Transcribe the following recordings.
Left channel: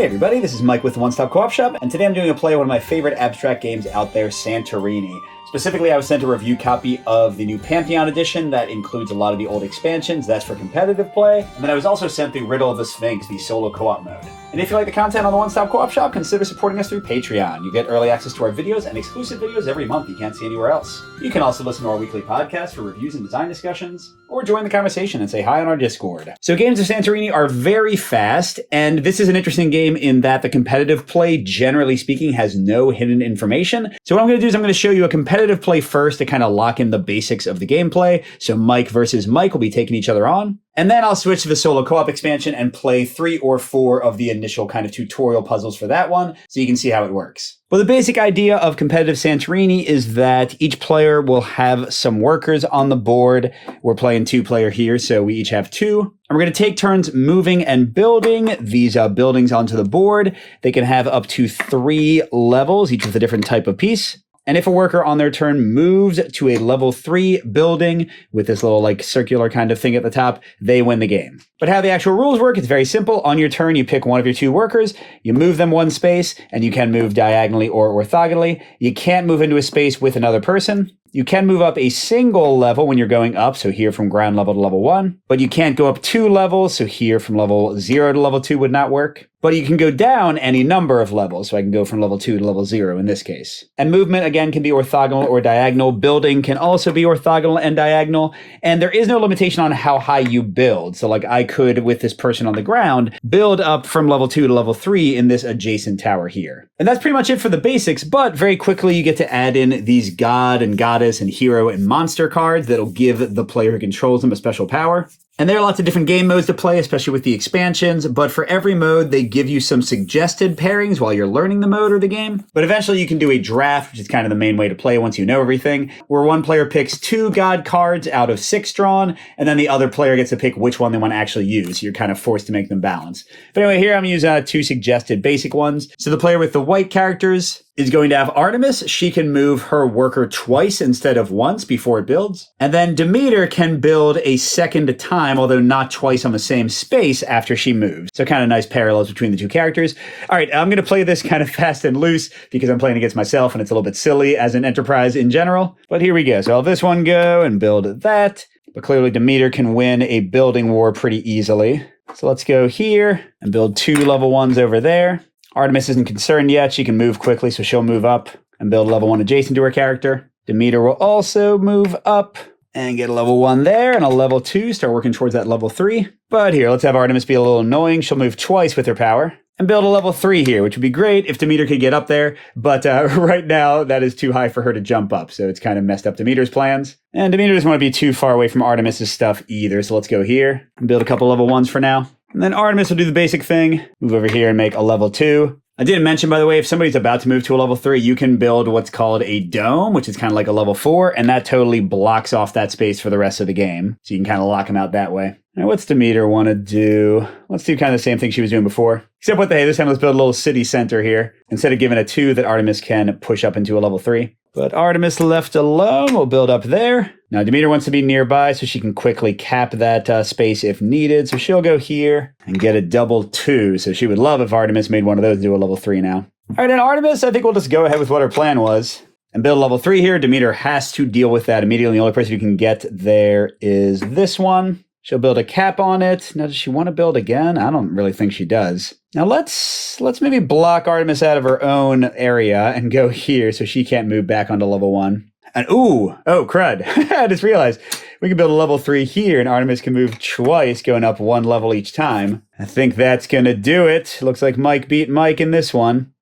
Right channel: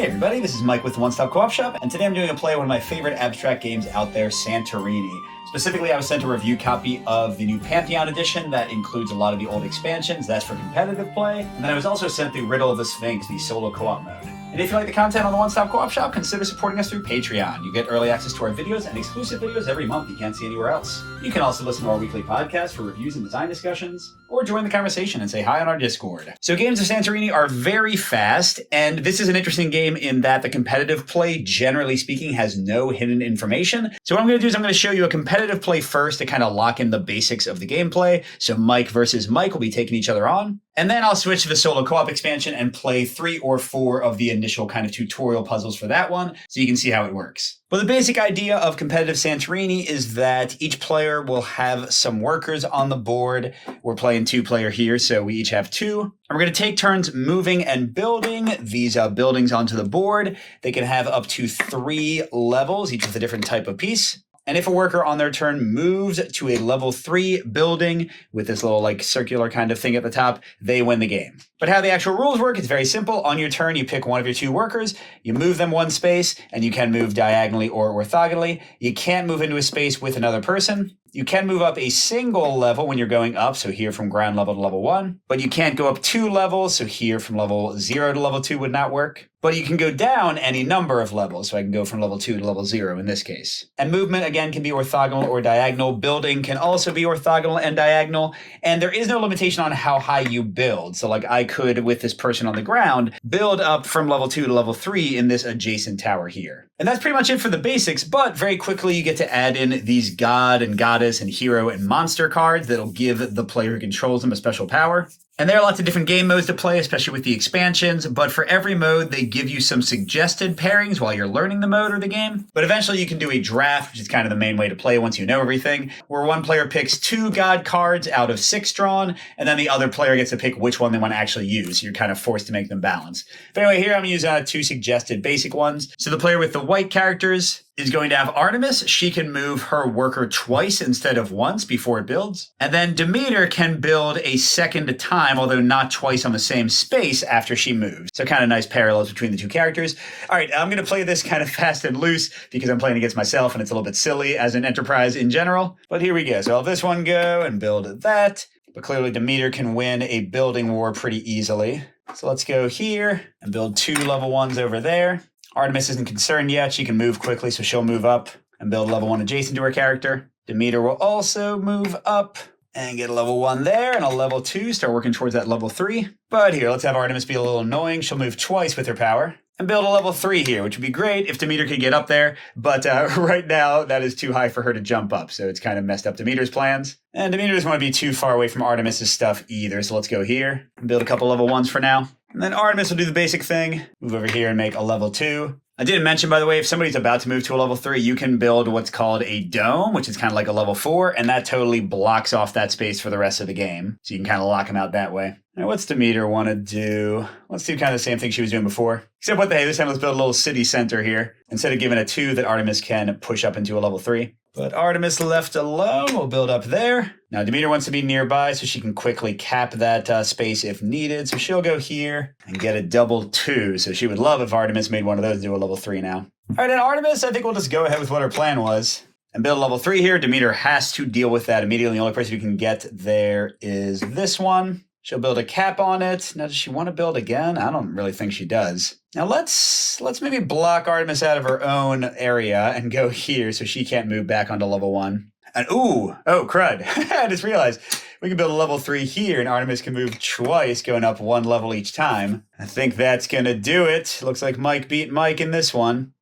Hey everybody, this is Mike with the One Stop Co-op Shop, and today I'm doing a play of one of my favorite abstract games out there, Santorini. Specifically, I was sent a review copy of the new Pantheon edition that includes a lot of the old expansions. That's for competitive play. And then I was also sent the Riddle of the Sphinx, the solo co-op mode. And if you like the content on the One Stop Co-op Shop, consider supporting us through Patreon. You get early access to our videos and exclusive videos every month you can't see anywhere else. You can also listen to our weekly podcast for reviews and design discussions, or join the conversation and say hi on our Discord. So games of Santorini are very fast, and this is an interesting game in that the competitive play, generally speaking, has no hidden information. So what I'm going to do is I'm going to show you a competitive play first to kind of lock in the basics of the gameplay. So Mike versus Mike will be taking each other on. And then I'll switch to the solo co-op expansion and play 3 or 4 of the initial kind of tutorial puzzles for that one, so you can see how it works. Well, the basic idea of competitive Santorini is that each player will have some workers on the board. We're playing 2-player here, so we each have 2. And we're going to take turns moving and building these buildings onto the board. They can have up to 3 levels, each with a different type of piece. And if a worker on their turn moves to a level 3 building with this little like circular kind of thing at the top, they win the game. But how the actual rules work, it's very simple. On your turn, you pick one of your 2 workers, you move them 1 space, and you can move diagonally or orthogonally. You can't move into a space with another person. You can move up a single level when you're going up, so here from ground level to level 1, but you can't go up 2 levels, so here from level 0 to level 2 would not work. But you can go down any number of levels, so I can go from level 2 to level 0 in this case. And movement, again, can be orthogonal or diagonal. Building can also be orthogonal and diagonal, and there is no limitation on how high you build. So like I could, with this person on the ground, build up from level 2 to level 3 in this adjacent tower here. And that's pretty much it for the basics, but very quickly you get to add in these god and goddess and hero and monster cards that'll give the player who controls them a special power. And there are lots of different game modes to play, especially with the expansions, but for every mode, they give you some suggested pairings while you're learning the mode or the game. But eventually you can do a draft, which is kind of the main way to play once you know everything, where one player picks 2 god cards out of 6 drawn, and then the other player gets to pick which one they want to actually use. You're kind of forced to make them balance. But anyway, here I'm using 2 suggested basic ones. So the player with the white characters is going to have Artemis. She can move her worker twice instead of once before it builds. And then Demeter can build a second time, although not twice on the same space after she moves. So kind of nice parallels between the 2 characters. All right, I'm going to play this kind of fast and loose because I'm playing against myself and it's a little bit silly as an enterprise in general. But here we go. So I'll have this one go and build that. But clearly Demeter can win a building war pretty easily. So let's go here and build 2 level 1s over there. Artemis isn't concerned yet. She can move quickly, so she'll move up and build level 1 adjacent to her character. Demeter will also move up and get a level 1 there and a level 2, start working towards that level 3. But here, let's have Artemis be a little annoying. She'll move twice with her power and build a level 3 here, which would be great if Demeter could get up there. But right now, that is too high for her to jump up, so it's kind of messed up Demeter's plans. And Demeter doesn't want to be too far away from Artemis's stuff either, so let's go here and build a couple level 1s for now. And then Artemis will do the basic thing, move over here and make a level 2. I didn't mention, by the way, if somebody's about to move to a level 3, you can build what's called a dome, which is kind of like a level 4, and that totally blocks off that space for the rest of the game. So you can kind of lock them out that way. Now, what's Demeter want to do? Let's do kind of the same thing she was doing before. Except hey, this time let's build a little city center here, instead of giving a 2 that Artemis can push up into a level 3. But Artemis left alone will build up there. Now Demeter wants to be nearby so she can quickly cap that space if needed. So she'll go here and get a double 2. So she would love if Artemis made one of those do a level 3 now. All right, and Artemis, I think we'll just go ahead with what her plan was and build a level 3 here. Demeter has to deal with that immediately. The only person who can get there is this one. She'll build a cap on it. Now, does she want to build again? I don't really think she does. Now, let's maybe block Artemis out of her own area and go here so she can't move back onto level 1. And oh, crud. I just realized we can build a level 3 here and Artemis can move twice, going up 1 level each time. I think that's going to do it. Looks like Mike beat Mike in this one.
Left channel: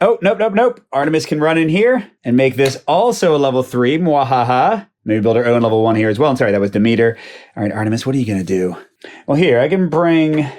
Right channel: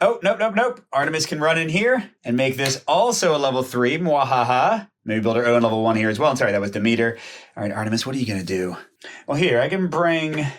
Oh, nope. Artemis can run in here and make this also a level 3. Mwahaha. Maybe build her own level 1 here as well. I'm sorry, that was Demeter. All right, Artemis, what are you going to do? Well, here, I can bring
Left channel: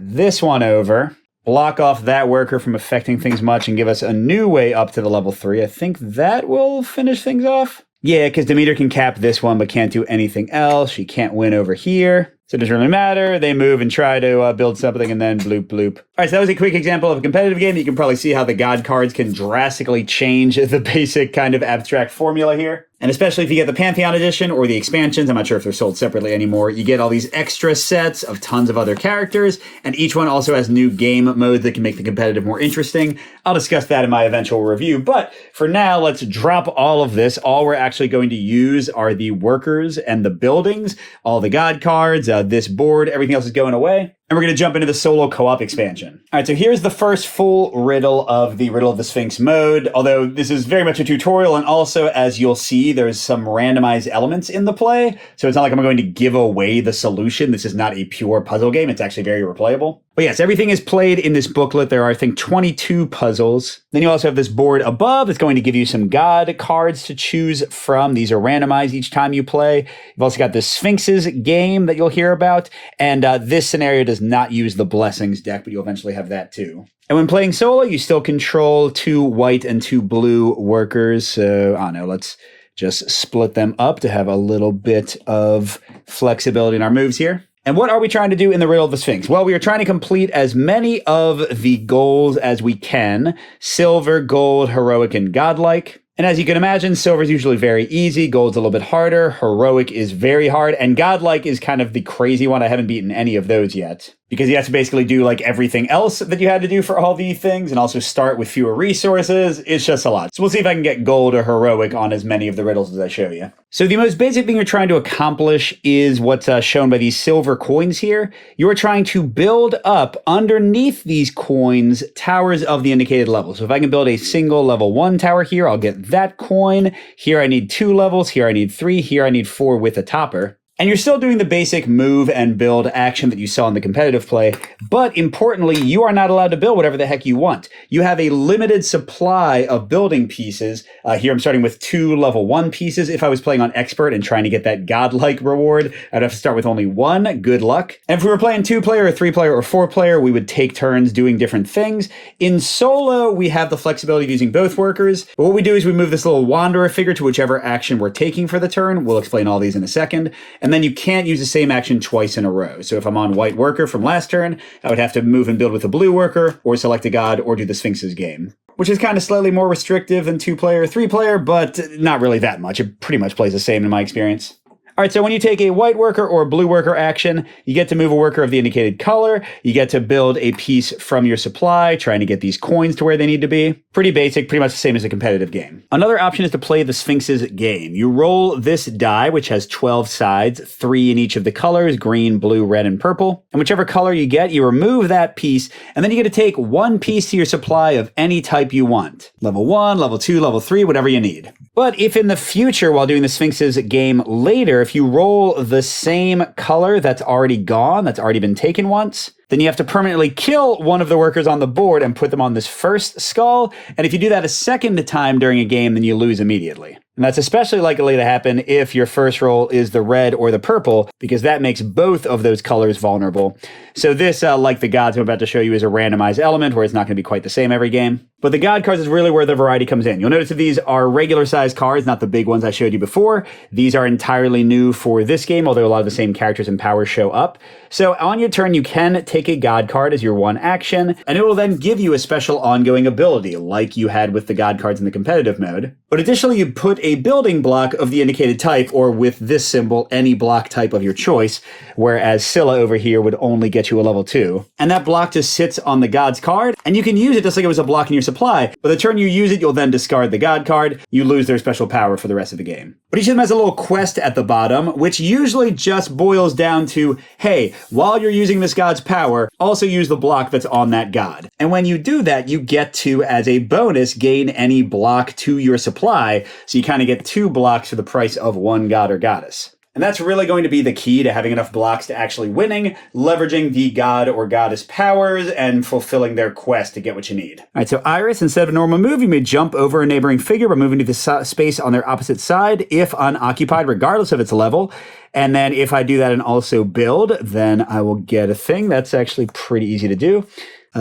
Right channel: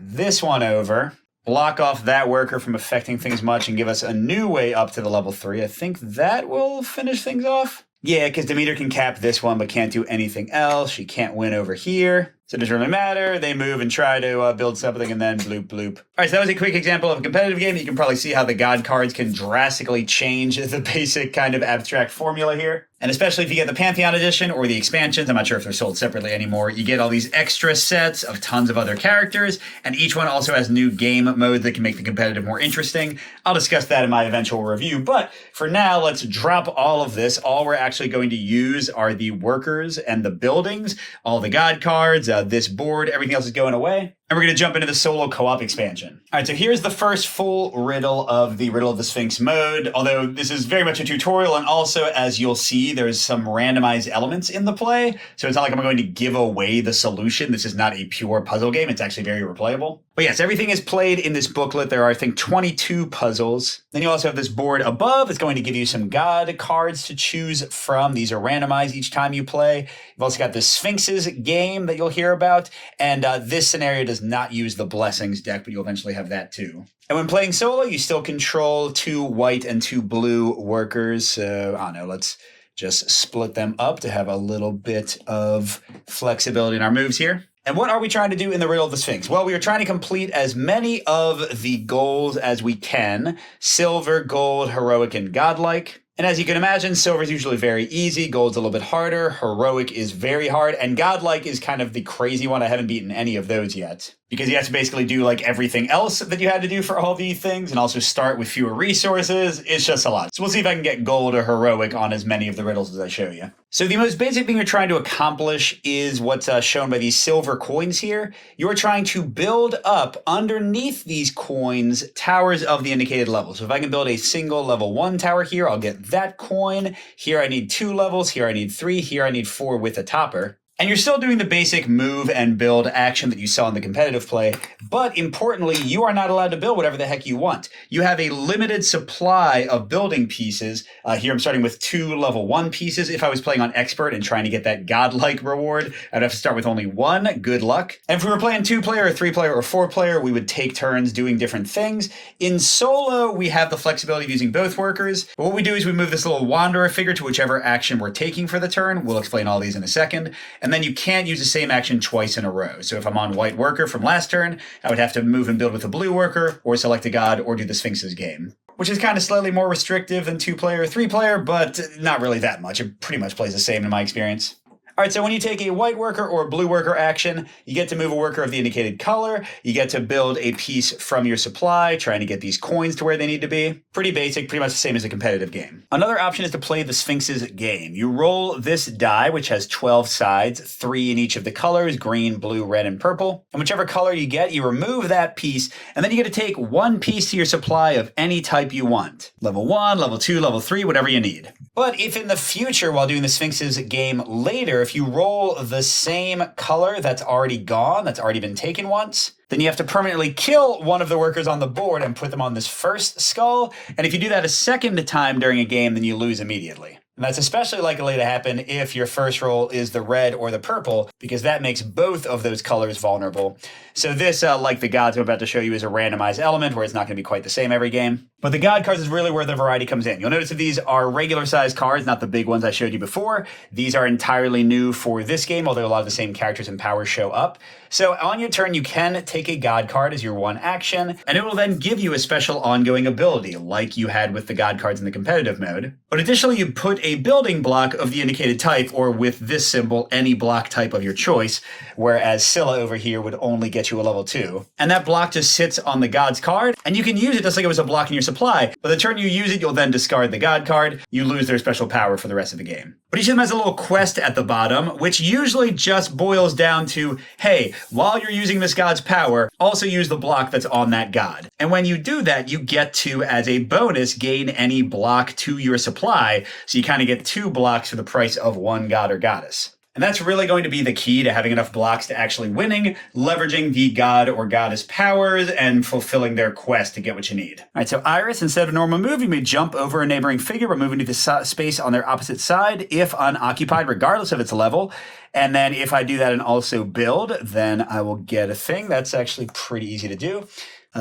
this one over, block off that worker from affecting things much, and give us a new way up to the level 3. I think that will finish things off. Yeah, because Demeter can cap this one, but can't do anything else. She can't win over here. So it doesn't really matter. They move and try to build something and then bloop, bloop. All right, so that was a quick example of a competitive game. You can probably see how the god cards can drastically change the basic kind of abstract formula here. And especially if you get the Pantheon edition or the expansions, I'm not sure if they're sold separately anymore, you get all these extra sets of tons of other characters, and each one also has new game modes that can make the competitive more interesting. I'll discuss that in my eventual review, but for now, let's drop all of this. All we're actually going to use are the workers and the buildings, all the god cards, this board, everything else is going away. And we're going to jump into the solo co-op expansion. All right, so here's the first full riddle of the Riddle of the Sphinx mode, although this is very much a tutorial, and also, as you'll see, there's some randomized elements in the play, so it's not like I'm going to give away the solution. This is not a pure puzzle game. It's actually very replayable. But yes, everything is played in this booklet. There are, I think, 22 puzzles. Then you also have this board above. It's going to give you some god cards to choose from. These are randomized each time you play. You've also got the Sphinx's game that you'll hear about. And this scenario does not use the Blessings deck, but you'll eventually have that too. And when playing solo, you still control 2 white and 2 blue workers. So, I don't know, let's just split them up to have a little bit of flexibility in our moves here. And what are we trying to do in the Riddle of the Sphinx? Well, we are trying to complete as many of the goals as we can. Silver, gold, heroic, and godlike. And as you can imagine, silver is usually very easy, gold's a little bit harder, heroic is very hard, and godlike is kind of the crazy one. I haven't beaten any of those yet, because you have to basically do like everything else that you had to do for all the things, and also start with fewer resources. It's just a lot. So we'll see if I can get gold or heroic on as many of the riddles as I show you. So the most basic thing you're trying to accomplish is what's shown by these silver coins here. You are trying to build up underneath these coins towers of the indicated level. So if I can build a single level 1 tower here, I'll get that coin. Here I need 2 levels. Here I need 3. Here I need 4 with a topper. And you're still doing the basic move and build action that you saw in the competitive play, but importantly, you are not allowed to build whatever the heck you want. You have a limited supply of building pieces. Here I'm starting with 2 level 1 pieces. If I was playing on expert and trying to get that godlike reward, I'd have to start with only 1. Good luck. And if we were playing 2-player or 3-player or 4-player, we would take turns doing different things. In solo, we have the flexibility of using both workers, but what we do is we move this little wanderer figure to whichever action we're taking for the turn. We'll explain all these in a second. And then you can't use the same action twice in a row. So if I'm on white worker from last turn, I would have to move and build with a blue worker, or select a god, or do the Sphinx's game. Which is kind of slightly more restrictive than 2-player, 3-player, but not really that much. It pretty much plays the same in my experience. All right, so when you take a white worker or a blue worker action, you get to move a worker of the indicated color. You get to build a piece from your supply, trying to get these coins to where they need to be. Pretty basic, pretty much the same as a competitive game. Another option is to play the Sphinx's game. You roll this die, which has 12 sides, 3 in each of the colors, green, blue, red, and purple. And whichever color you get, you remove that piece, and then you get to take 1 piece to your supply of any type you want. Level 1, level 2, level 3, whatever you need. But if in the future, while doing the Sphinx's game later, if you roll the same color that's already gone, that's already been taken once, then you have to permanently kill one of the workers on the board and put them on this first skull. And if you do that a second time during a game, then you lose immediately. And that's especially likely to happen if your first roll is the red or the purple, because that makes both of those colors vulnerable. So this, like the gods I'm about to show you, is a randomized element where it's not going to be quite the same every game. But the god cards is really where the variety comes in. You'll notice that these are regular sized cards, not the big ones I showed you before. These are entirely new for this game, although a lot of the same characters and powers show up. So on your turn, you can take a god card as your 1 action, and it will then give you a special ongoing ability, like you had with the god cards in the competitive mode. But additionally, you put a building block of the indicated type, or with this symbol, any block type of your choice, whereas Scylla over here would only get you a level 2. And that block just sits on the god's card, and you can use it just like it was a block in your supply, but the turn you use it, you'll then discard the god card. You lose their special power for the rest of the game. But each of them has a little quest at the bottom, which usually just boils down to, hey, while you're using this god's power, also use the block that's on that god. And when you do that, you get to, as a bonus, gain any block to your supply, so you kind of get 2 blocks for the price of 1 god or goddess. And that's really going to be the key to having enough blocks to actually winning, leveraging the god or goddess powers, and fulfilling their quest to get what you need. All right, so Iris, instead of a normal move, you may jump over a neighboring figure by moving to the space on their opposite side, if unoccupied, regardless of its level. And then if I do that and also build, then I will get a thing. That's actually pretty easy to do.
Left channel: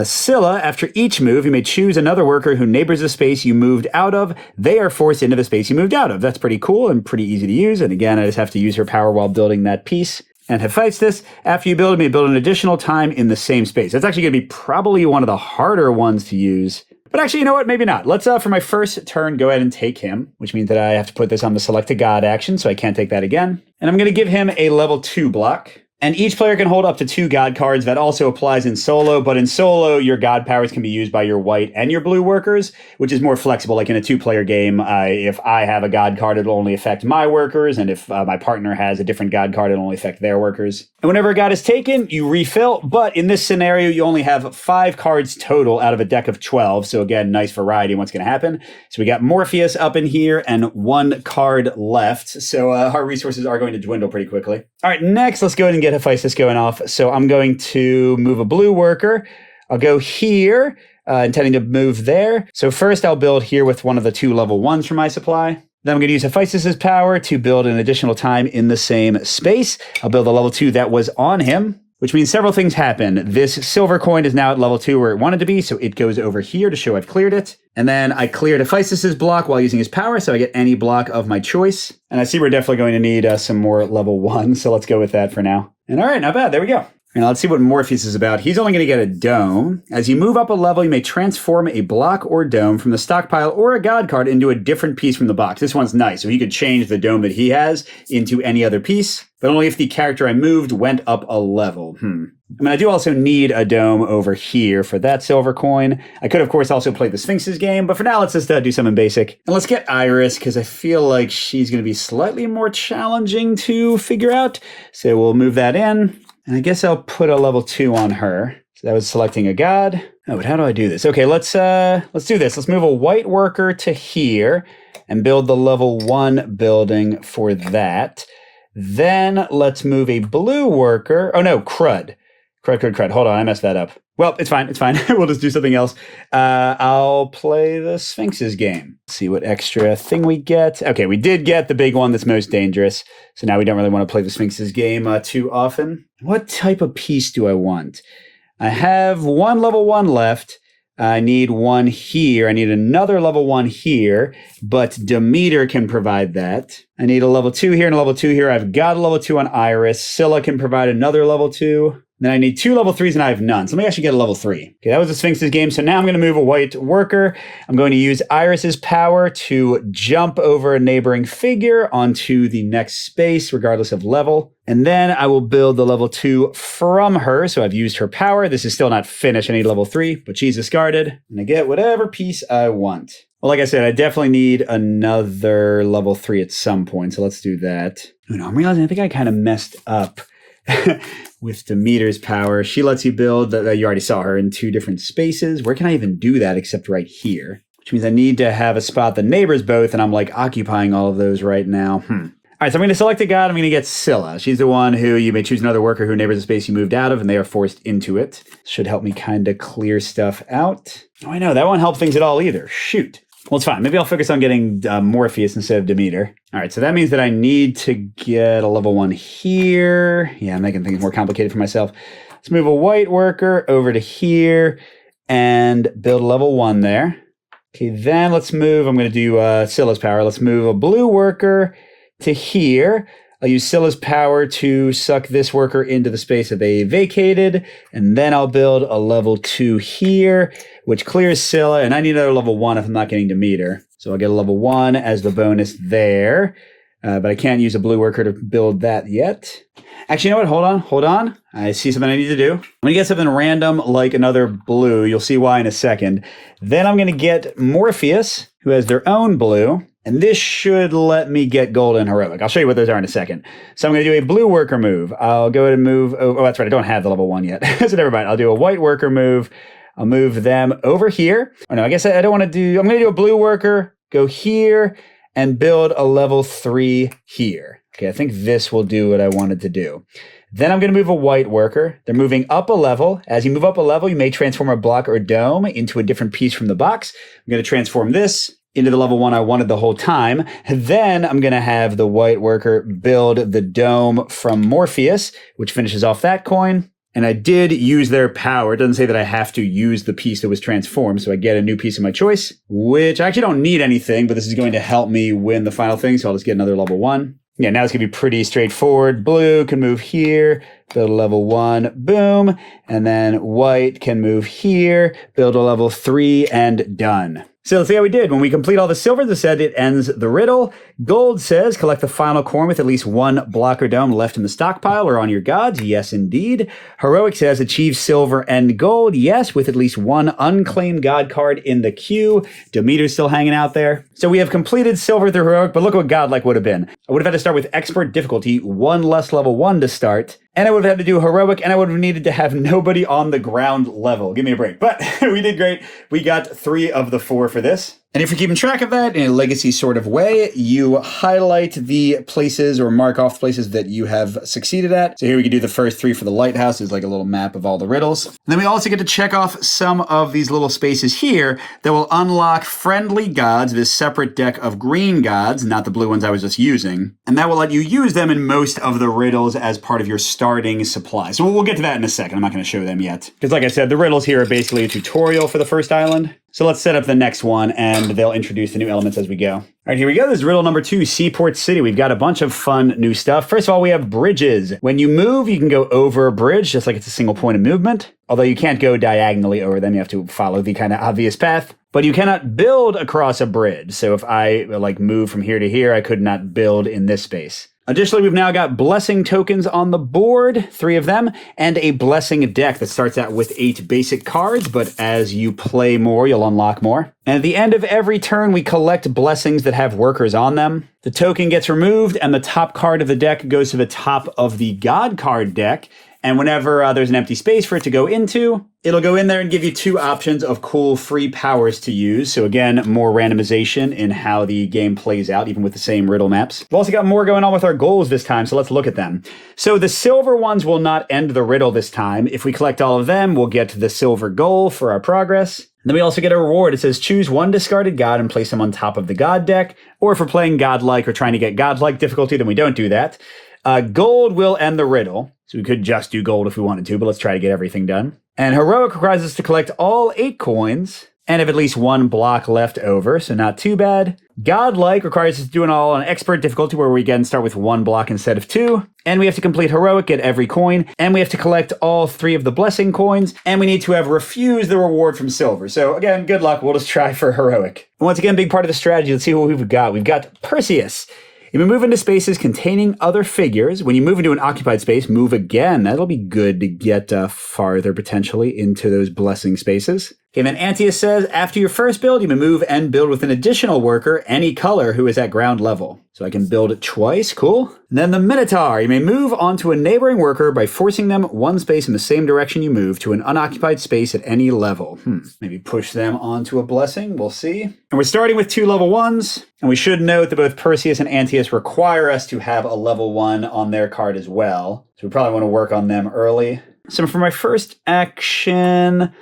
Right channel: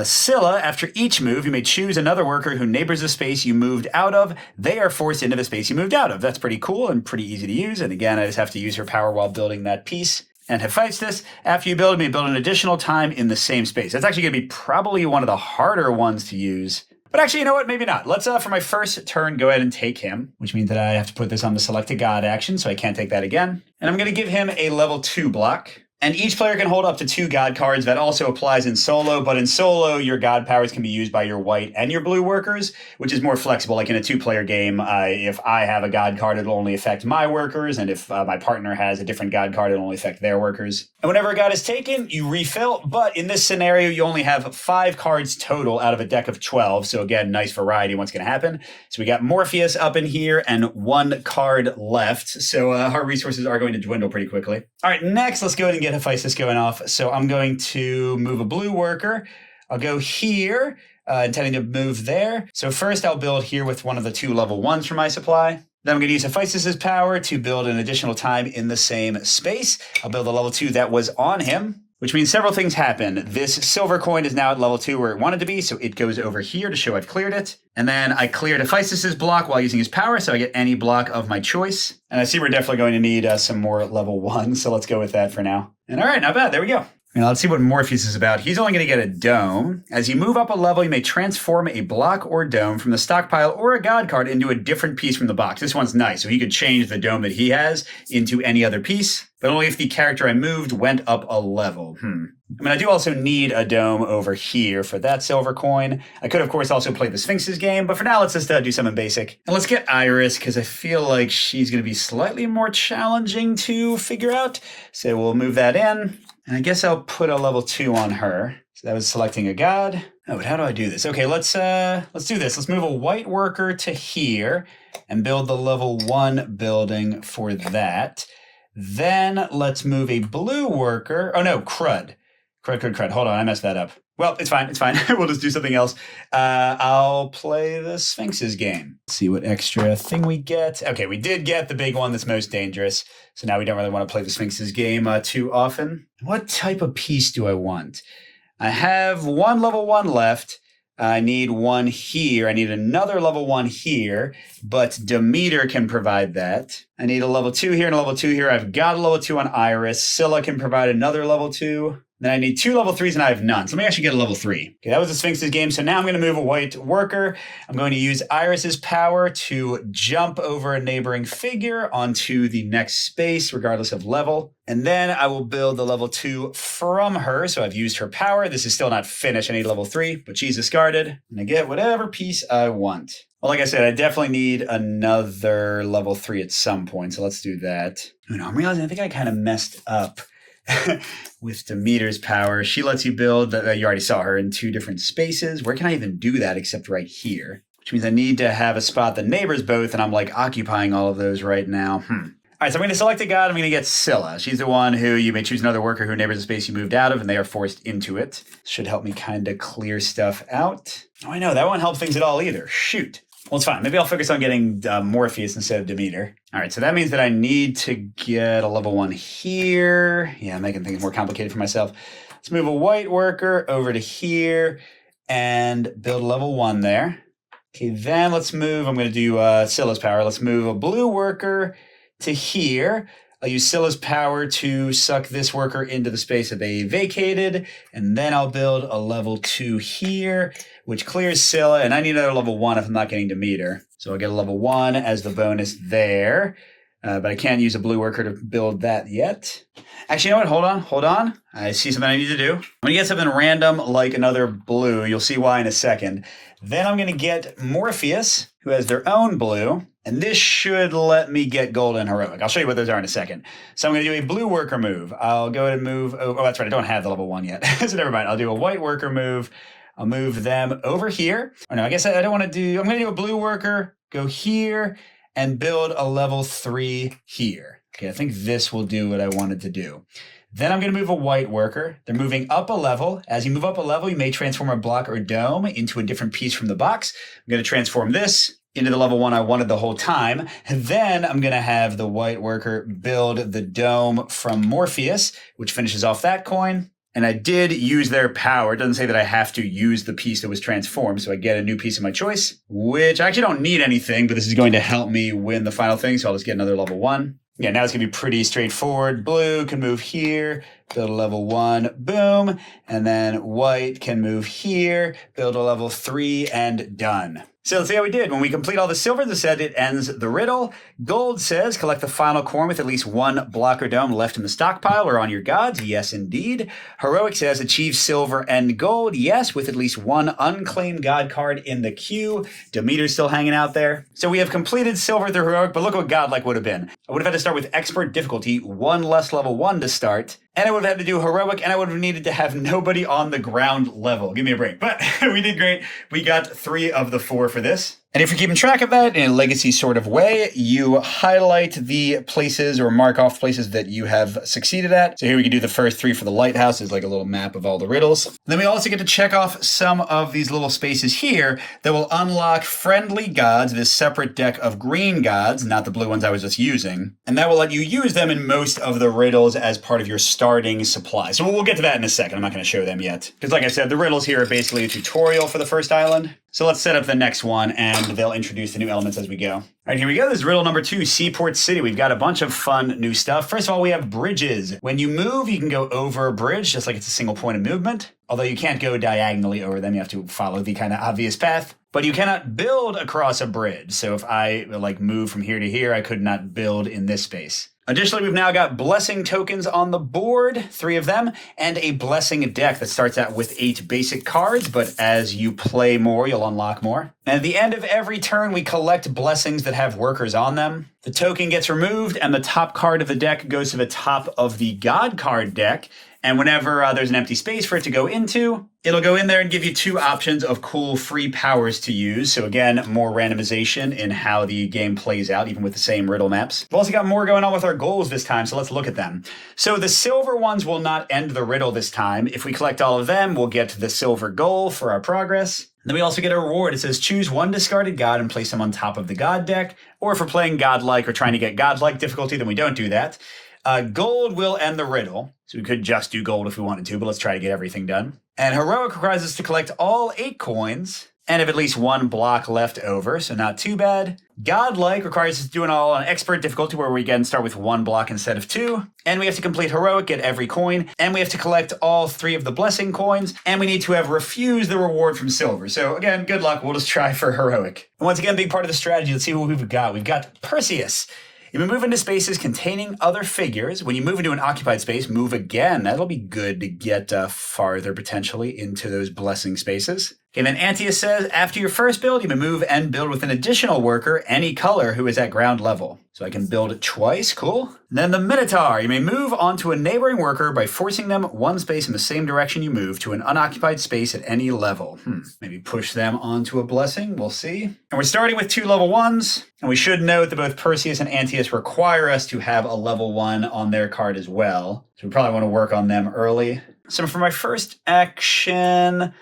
Scylla, after each move, you may choose another worker who neighbors the space you moved out of. They are forced into the space you moved out of. That's pretty cool and pretty easy to use. And again, I just have to use her power while building that piece. and Hephaestus. After you build them, you build an additional time in the same space. That's actually going to be probably one of the harder ones to use. But actually, you know what? Maybe not. Let's, for my first turn, go ahead and take him, which means that I have to put this on the select a god action, so I can't take that again. And I'm going to give him a level 2 block. And each player can hold up to 2 god cards. That also applies in solo, but in solo, your god powers can be used by your white and your blue workers, which is more flexible. Like in a 2-player game, if I have a god card, it'll only affect my workers, and if my partner has a different god card, it'll only affect their workers. And whenever a god is taken, you refill, but in this scenario, you only have 5 cards total out of a deck of 12, so again, nice variety in what's going to happen. So we got Morpheus up in here, and 1 card left, so our resources are going to dwindle pretty quickly. All right, next, let's go ahead and get Hephaestus going off. So I'm going to move a blue worker. I'll go here, intending to move there. So first I'll build here with one of the 2 level 1s for my supply. Then I'm going to use Hephaestus' power to build an additional time in the same space. I'll build a level 2 that was on him, which means several things happen. This silver coin is now at level 2 where it wanted to be, so it goes over here to show I've cleared it. And then I cleared Hephaestus' block while using his power, so I get any block of my choice. And I see we're definitely going to need some more level 1, so let's go with that for now. And all right, not bad. There we go. And let's see what Morpheus is about. He's only going to get a dome. As you move up a level, you may transform a block or dome from the stockpile or a god card into a different piece from the box. This one's nice, so he could change the dome that he has into any other piece, but only if the character I moved went up a level. I mean, I do also need a dome over here for that silver coin. I could, of course, also play the Sphinx's game, but for now, let's just do something basic. And let's get Iris, because I feel like she's going to be slightly more challenging to figure out. So we'll move that in. And I guess I'll put a level 2 on her. So that was selecting a god. Oh, but how do I do this? Okay, let's do this. Let's move a white worker to here and build the level 1 building for that. Then let's move a blue worker. Oh no, crud. Crud. Hold on, I messed that up. Well, it's fine. We'll just do something else. I'll play the Sphinx's game. Let's see what extra thing we get. Okay, we did get the big one that's most dangerous. So now we don't really want to play the Sphinx's game too often. What type of piece do I want? I have 1 level 1 left. I need 1 here. I need another level 1 here, but Demeter can provide that. I need a level 2 here and a level 2 here. I've got a level 2 on Iris. Scylla can provide another level 2. Then I need 2 level 3s and I have none. So let me actually get a level 3. Okay, that was the Sphinx's game. So now I'm going to move a white worker. I'm going to use Iris's power to jump over a neighboring figure onto the next space, regardless of level. And then I will build the level 2 from her. So I've used her power. This is still not finished. I need level 3, but she's discarded. And I get whatever piece I want. Well, like I said, I definitely need another level 3 at some point. So let's do that. Oh, no, I'm realizing I think I kind of messed up. With Demeter's power. She lets you build, you already saw her, in 2 different spaces. Where can I even do that except right here? Which means I need to have a spot that neighbors both, and I'm like occupying all of those right now. All right, so I'm going to select a god. I'm going to get Scylla. She's the one who you may choose another worker who neighbors the space you moved out of, and they are forced into it. Should help me kind of clear stuff out. Oh, I know, that won't help things at all either. Shoot. Well, it's fine. Maybe I'll focus on getting Morpheus instead of Demeter. All right, so that means that I need to get a level 1 here. Yeah, I'm making things more complicated for myself. Let's move a white worker over to here and build a level 1 there. Okay, then let's move. I'm going to do Scylla's power. Let's move a blue worker to here. I'll use Scylla's power to suck this worker into the space that they vacated, and then I'll build a level 2 here, which clears Scylla, and I need another level 1 if I'm not getting Demeter. So I'll get a level 1 as the bonus there, but I can't use a blue worker to build that yet. Actually, you know what? Hold on. I see something I need to do. I'm going to get something random like another blue. You'll see why in a second. Then I'm going to get Morpheus, who has their own blue. And this should let me get gold and heroic. I'll show you what those are in a second. So I'm going to do a blue worker move. I'll go ahead and move. Oh, that's right. I don't have the level 1 yet. So never mind. I'll do a white worker move. I'll move them over here. Oh, no, I guess I don't want to do. I'm going to do a blue worker, go here, and build a level 3 here. Okay, I think this will do what I wanted to do. Then I'm going to move a white worker. They're moving up a level. As you move up a level, you may transform a block or dome into a different piece from the box. I'm going to transform this into the level 1 I wanted the whole time. And then I'm going to have the white worker build the dome from Morpheus, which finishes off that coin. And I did use their power. It doesn't say that I have to use the piece that was transformed, so I get a new piece of my choice, which I actually don't need anything, but this is going to help me win the final thing, so I'll just get another level 1. Yeah, now it's going to be pretty straightforward. Blue can move here, build a level 1, boom. And then white can move here, build a level 3, and done. So let's see how we did. When we complete all the silver, the set, it ends the riddle. Gold says collect the final coin with at least one blocker dome left in the stockpile or on your gods. Yes, indeed. Heroic says achieve silver and gold. Yes, with at least one unclaimed god card in the queue. Demeter's still hanging out there. So we have completed silver through heroic, but look what godlike would have been. I would have had to start with expert difficulty, 1 less level 1 to start. And I would have had to do heroic, and I would have needed to have nobody on the ground level. Give me a break. But we did great. We got 3 of the 4 for this. And if you're keeping track of that in a legacy sort of way, you highlight the places or mark off places that you have succeeded at. So here we can do the first 3 for the lighthouse. It's like a little map of all the riddles. And then we also get to check off some of these little spaces here that will unlock friendly gods, this separate deck of green gods, not the blue ones I was just using. And that will let you use them in most of the riddles as part of your starting supply. So we'll get to that in a second. I'm not going to show them yet. Because like I said, the riddles here are basically a tutorial for the first island. So let's set up the next one, and they'll introduce the new elements as we go. All right, here we go. This is riddle number 2, Seaport City. We've got a bunch of fun new stuff. First of all, we have bridges. When you move, you can go over a bridge, just like it's a single point of movement. Although you can't go diagonally over them. You have to follow the kind of obvious path. But you cannot build across a bridge. So if I move from here to here, I could not build in this space. Additionally, we've now got blessing tokens on the board, 3 of them, and a blessing deck that starts out with 8 basic cards, but as you play more, you'll unlock more. And at the end of every turn, we collect blessings that have workers on them. The token gets removed, and the top card of the deck goes to the top of the God card deck. And whenever there's an empty space for it to go into, it'll go in there and give you 2 options of cool free powers to use. So again, more randomization in how the game plays out, even with the same riddle maps. We've also got more going on with our goals this time, so let's look at them. So the silver ones will not end the riddle this time. If we collect all of them, we'll get the silver goal for our progress. And then we also get a reward. It says choose 1 discarded god and place them on top of the god deck. Or if we're playing godlike or trying to get godlike difficulty, then we don't do that. Gold will end the riddle. So we could just do gold if we wanted to, but let's try to get everything done. And heroic requires us to collect all 8 coins and have at least 1 block left over, so not too bad. Godlike requires us to do it all on expert difficulty, where we again start with 1 block instead of 2. And we have to complete heroic, get every coin, and we have to collect all 3 of the blessing coins, and we need to have refused the reward from silver. So again, good luck. We'll just try for heroic. And once again, big part of the strategy. Let's see what we've got. We've got Perseus. If you move into spaces containing other figures, when you move into an occupied space, move again. That'll be good to get farther, potentially, into those blessing spaces. Okay, then Antius says, after your first build, you may move and build with an additional worker, any color, who is at ground level. So I can build it twice, cool. And then the Minotaur, you may move onto a neighboring worker by forcing them 1 space in the same direction you move to an unoccupied space at any level. Maybe push them onto a blessing, we'll see. And we're starting with 2 level 1s, and we should note that both Perseus and Antius require us to have a level 1 on their card as well. So we probably want to work on them early. So for my first action,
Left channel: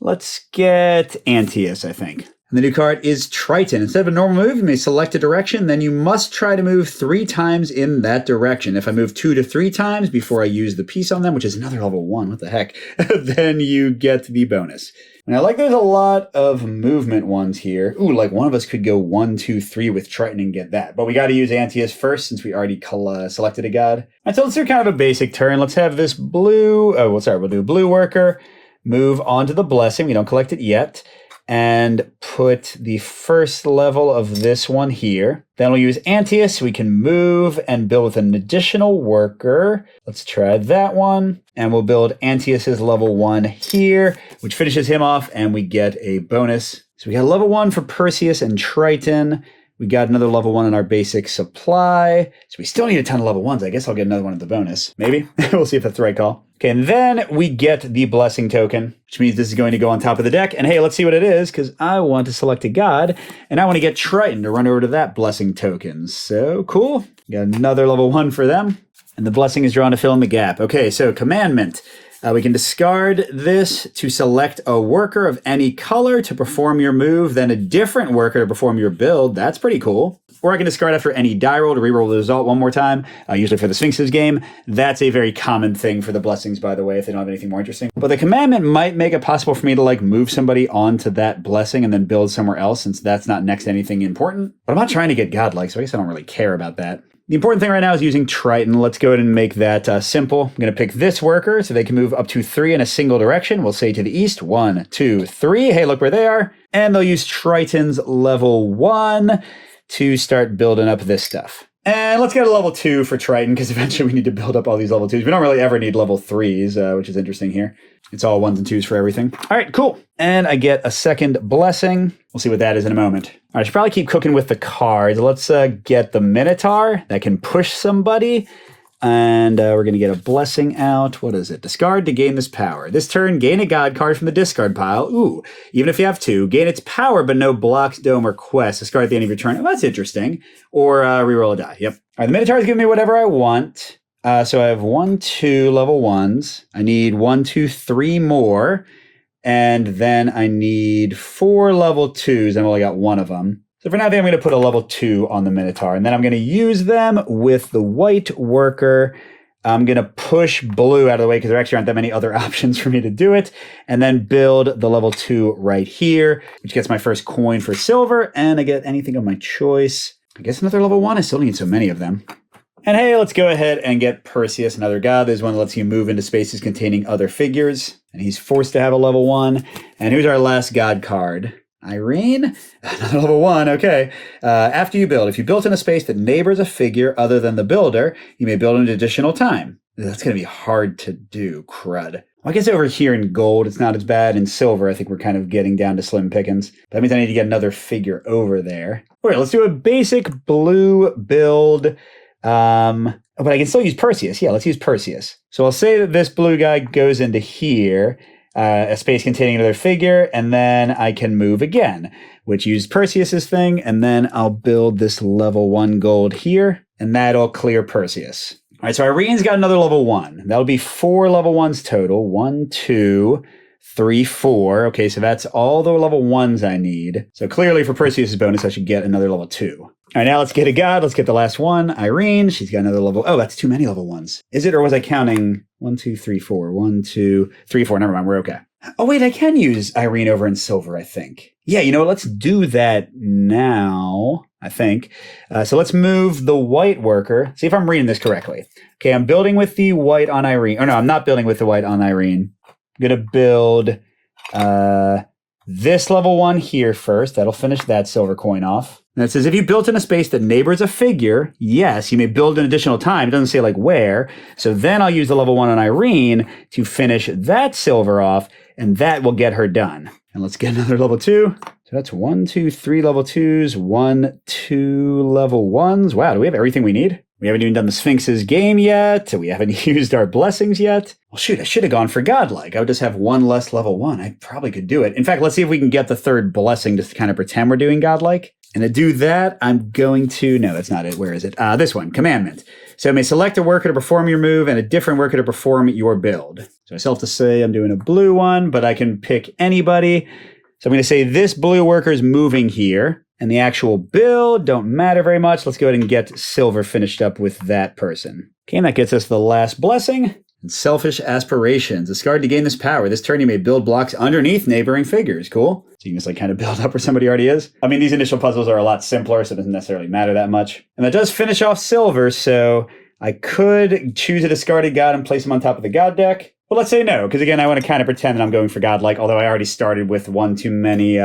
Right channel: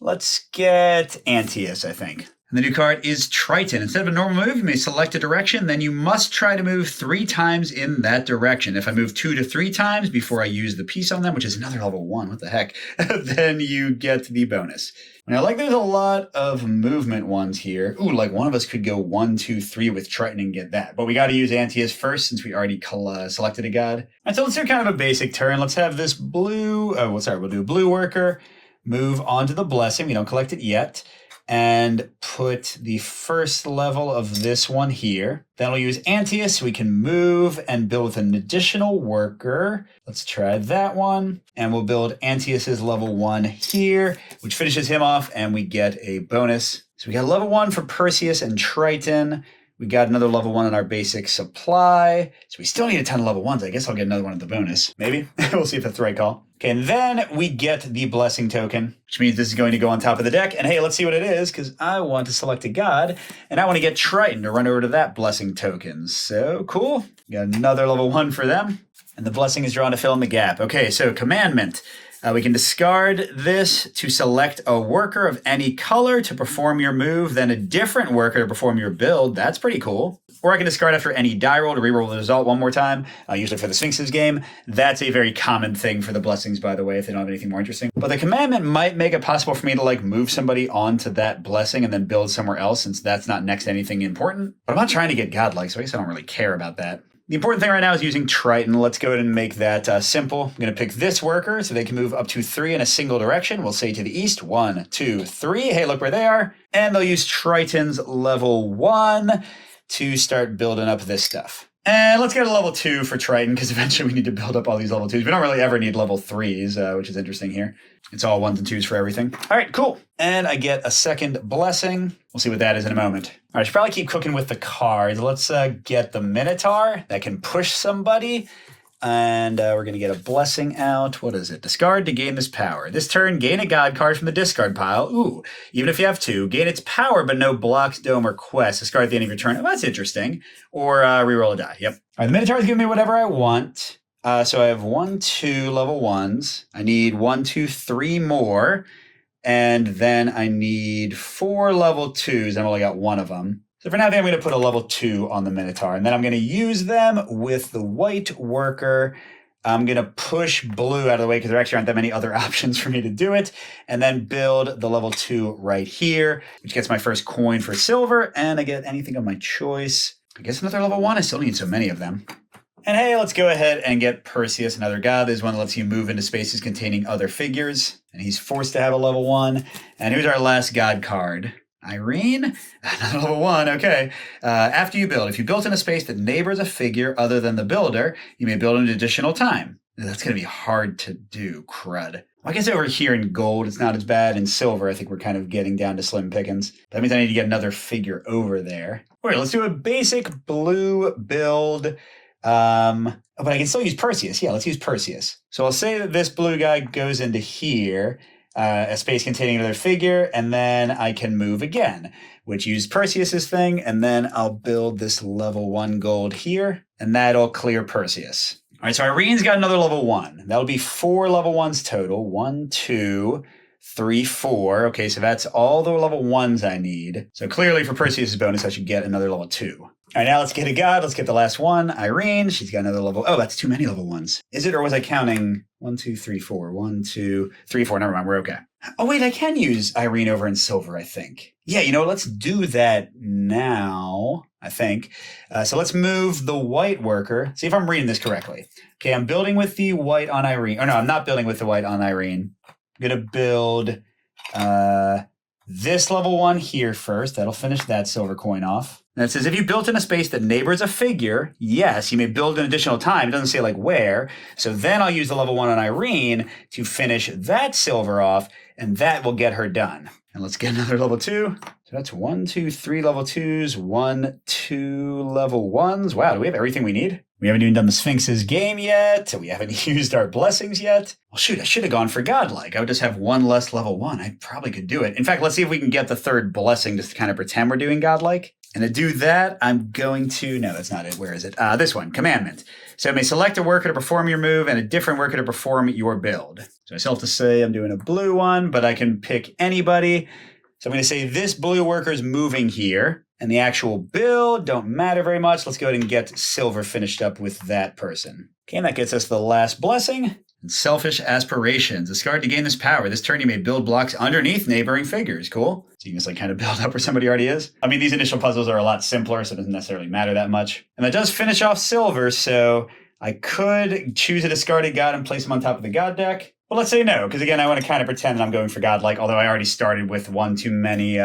let's get Antius, I think. And the new card is Triton. Instead of a normal move, you may select a direction, then you must try to move 3 times in that direction. If I move 2 to 3 times before I use the piece on them, which is another level 1, what the heck, then you get the bonus. And I like there's a lot of movement ones here. Ooh, like one of us could go 1, 2, 3 with Triton and get that. But we got to use Antius first since we already selected a god. And so let's do kind of a basic turn. Let's have this blue, we'll do a blue worker. Move on to the blessing. We don't collect it yet. And put the first level of this one here. Then we'll use Antius. We can move and build with an additional worker. Let's try that one. And we'll build Antius's level 1 here, which finishes him off, and we get a bonus. So we got level 1 for Perseus and Triton. We got another level 1 in our basic supply. So we still need a ton of level 1s. I guess I'll get another one at the bonus. Maybe. We'll see if that's the right call. Okay, and then we get the blessing token, which means this is going to go on top of the deck. And hey, let's see what it is, because I want to select a god, and I want to get Triton to run over to that blessing token. So cool. Got another level 1 for them. And the blessing is drawn to fill in the gap. Okay, so commandment. We can discard this to select a worker of any color to perform your move, then a different worker to perform your build. That's pretty cool. Or I can discard after any die roll to reroll the result 1 more time, usually for the Sphinx's game. That's a very common thing for the blessings, by the way, if they don't have anything more interesting. But the commandment might make it possible for me to move somebody onto that blessing and then build somewhere else, since that's not next to anything important. But I'm not trying to get godlike, so I guess I don't really care about that. The important thing right now is using Triton. Let's go ahead and make that simple. I'm going to pick this worker so they can move up to 3 in a single direction. We'll say to the east, 1, 2, 3. Hey, look where they are. And they'll use Triton's level 1 to start building up this stuff. And let's get a level 2 for Triton, because eventually we need to build up all these level 2s. We don't really ever need level 3s, which is interesting here. It's all 1s and 2s for everything. All right, cool. And I get a second blessing. We'll see what that is in a moment. All right, I should probably keep cooking with the cards. Let's get the Minotaur that can push somebody. And we're going to get a blessing out. What is it? Discard to gain this power. This turn, gain a god card from the discard pile. Ooh, even if you have 2, gain its power, but no blocks, dome, or quest. Discard at the end of your turn. Oh, that's interesting. Or reroll a die. Yep. All right, the Minotaur is giving me whatever I want. So I have 1, 2 level 1s. I need 1, 2, 3 more. And then I need 4 level 2s. I've only got 1 of them. So for now, I think I'm going to put a level 2 on the Minotaur, and then I'm going to use them with the white worker. I'm going to push blue out of the way because there actually aren't that many other options for me to do it, and then build the level 2 right here, which gets my first coin for silver, and I get anything of my choice. I guess another level 1. I still need so many of them. And hey, let's go ahead and get Perseus, another god. There's one that lets you move into spaces containing other figures, and he's forced to have a level 1. And here's our last god card. Irene, level 1, okay. After you build, if you built in a space that neighbors a figure other than the builder, you may build an additional time. That's going to be hard to do, crud. Well, I guess over here in gold, it's not as bad. In silver, I think we're kind of getting down to slim pickings. That means I need to get another figure over there. All right, let's do a basic blue build. But I can still use Perseus. Yeah, let's use Perseus. So I'll say that this blue guy goes into here. A space containing another figure, and then I can move again, which used Perseus's thing, and then I'll build this level 1 gold here, and that'll clear Perseus. All right, so Irene's got another level 1. That'll be 4 level 1s total. 1, 2, 3, 4. Okay, so that's all the level 1s I need. So clearly for Perseus's bonus, I should get another level 2. All right, now let's get a god. Let's get the last one. Irene, she's got another level. Oh, that's too many level 1s. Is it, or was I counting 1, 2, 3, 4? 1, 2, 3, 4. Never mind, we're okay. Oh, wait, I can use Irene over in silver, I think. Yeah, you know what? Let's do that now, I think. So let's move the white worker. See if I'm reading this correctly. Okay, I'm building with the white on Irene. Or no, I'm not building with the white on Irene. I'm going to build this level 1 here first. That'll finish that silver coin off. And it says, if you built in a space that neighbors a figure, yes, you may build an additional time. It doesn't say like where. So then I'll use the level 1 on Irene to finish that silver off, and that will get her done. And let's get another level 2. So that's 1, 2, 3 level 2s, 1, 2 level 1s. Wow, do we have everything we need? We haven't even done the Sphinx's game yet. We haven't used our blessings yet. Well, shoot, I should have gone for godlike. I would just have 1 less level 1. I probably could do it. In fact, let's see if we can get the 3rd blessing just to kind of pretend we're doing godlike. And to do that, I'm going to, no, that's not it. Where is it? This one, commandment. So I may select a worker to perform your move and a different worker to perform your build. So I still have to say I'm doing a blue one, but I can pick anybody. So I'm going to say this blue worker is moving here. And the actual build don't matter very much. Let's go ahead and get silver finished up with that person. Okay, and that gets us the last blessing. And selfish aspirations. Discard to gain this power. This turn you may build blocks underneath neighboring figures. Cool. So you can just like kind of build up where somebody already is. I mean, these initial puzzles are a lot simpler, so it doesn't necessarily matter that much. And that does finish off silver, so I could choose a discarded god and place him on top of the god deck. But let's say no, because again, I want to kind of pretend that I'm going for godlike, although I already started with 1 too many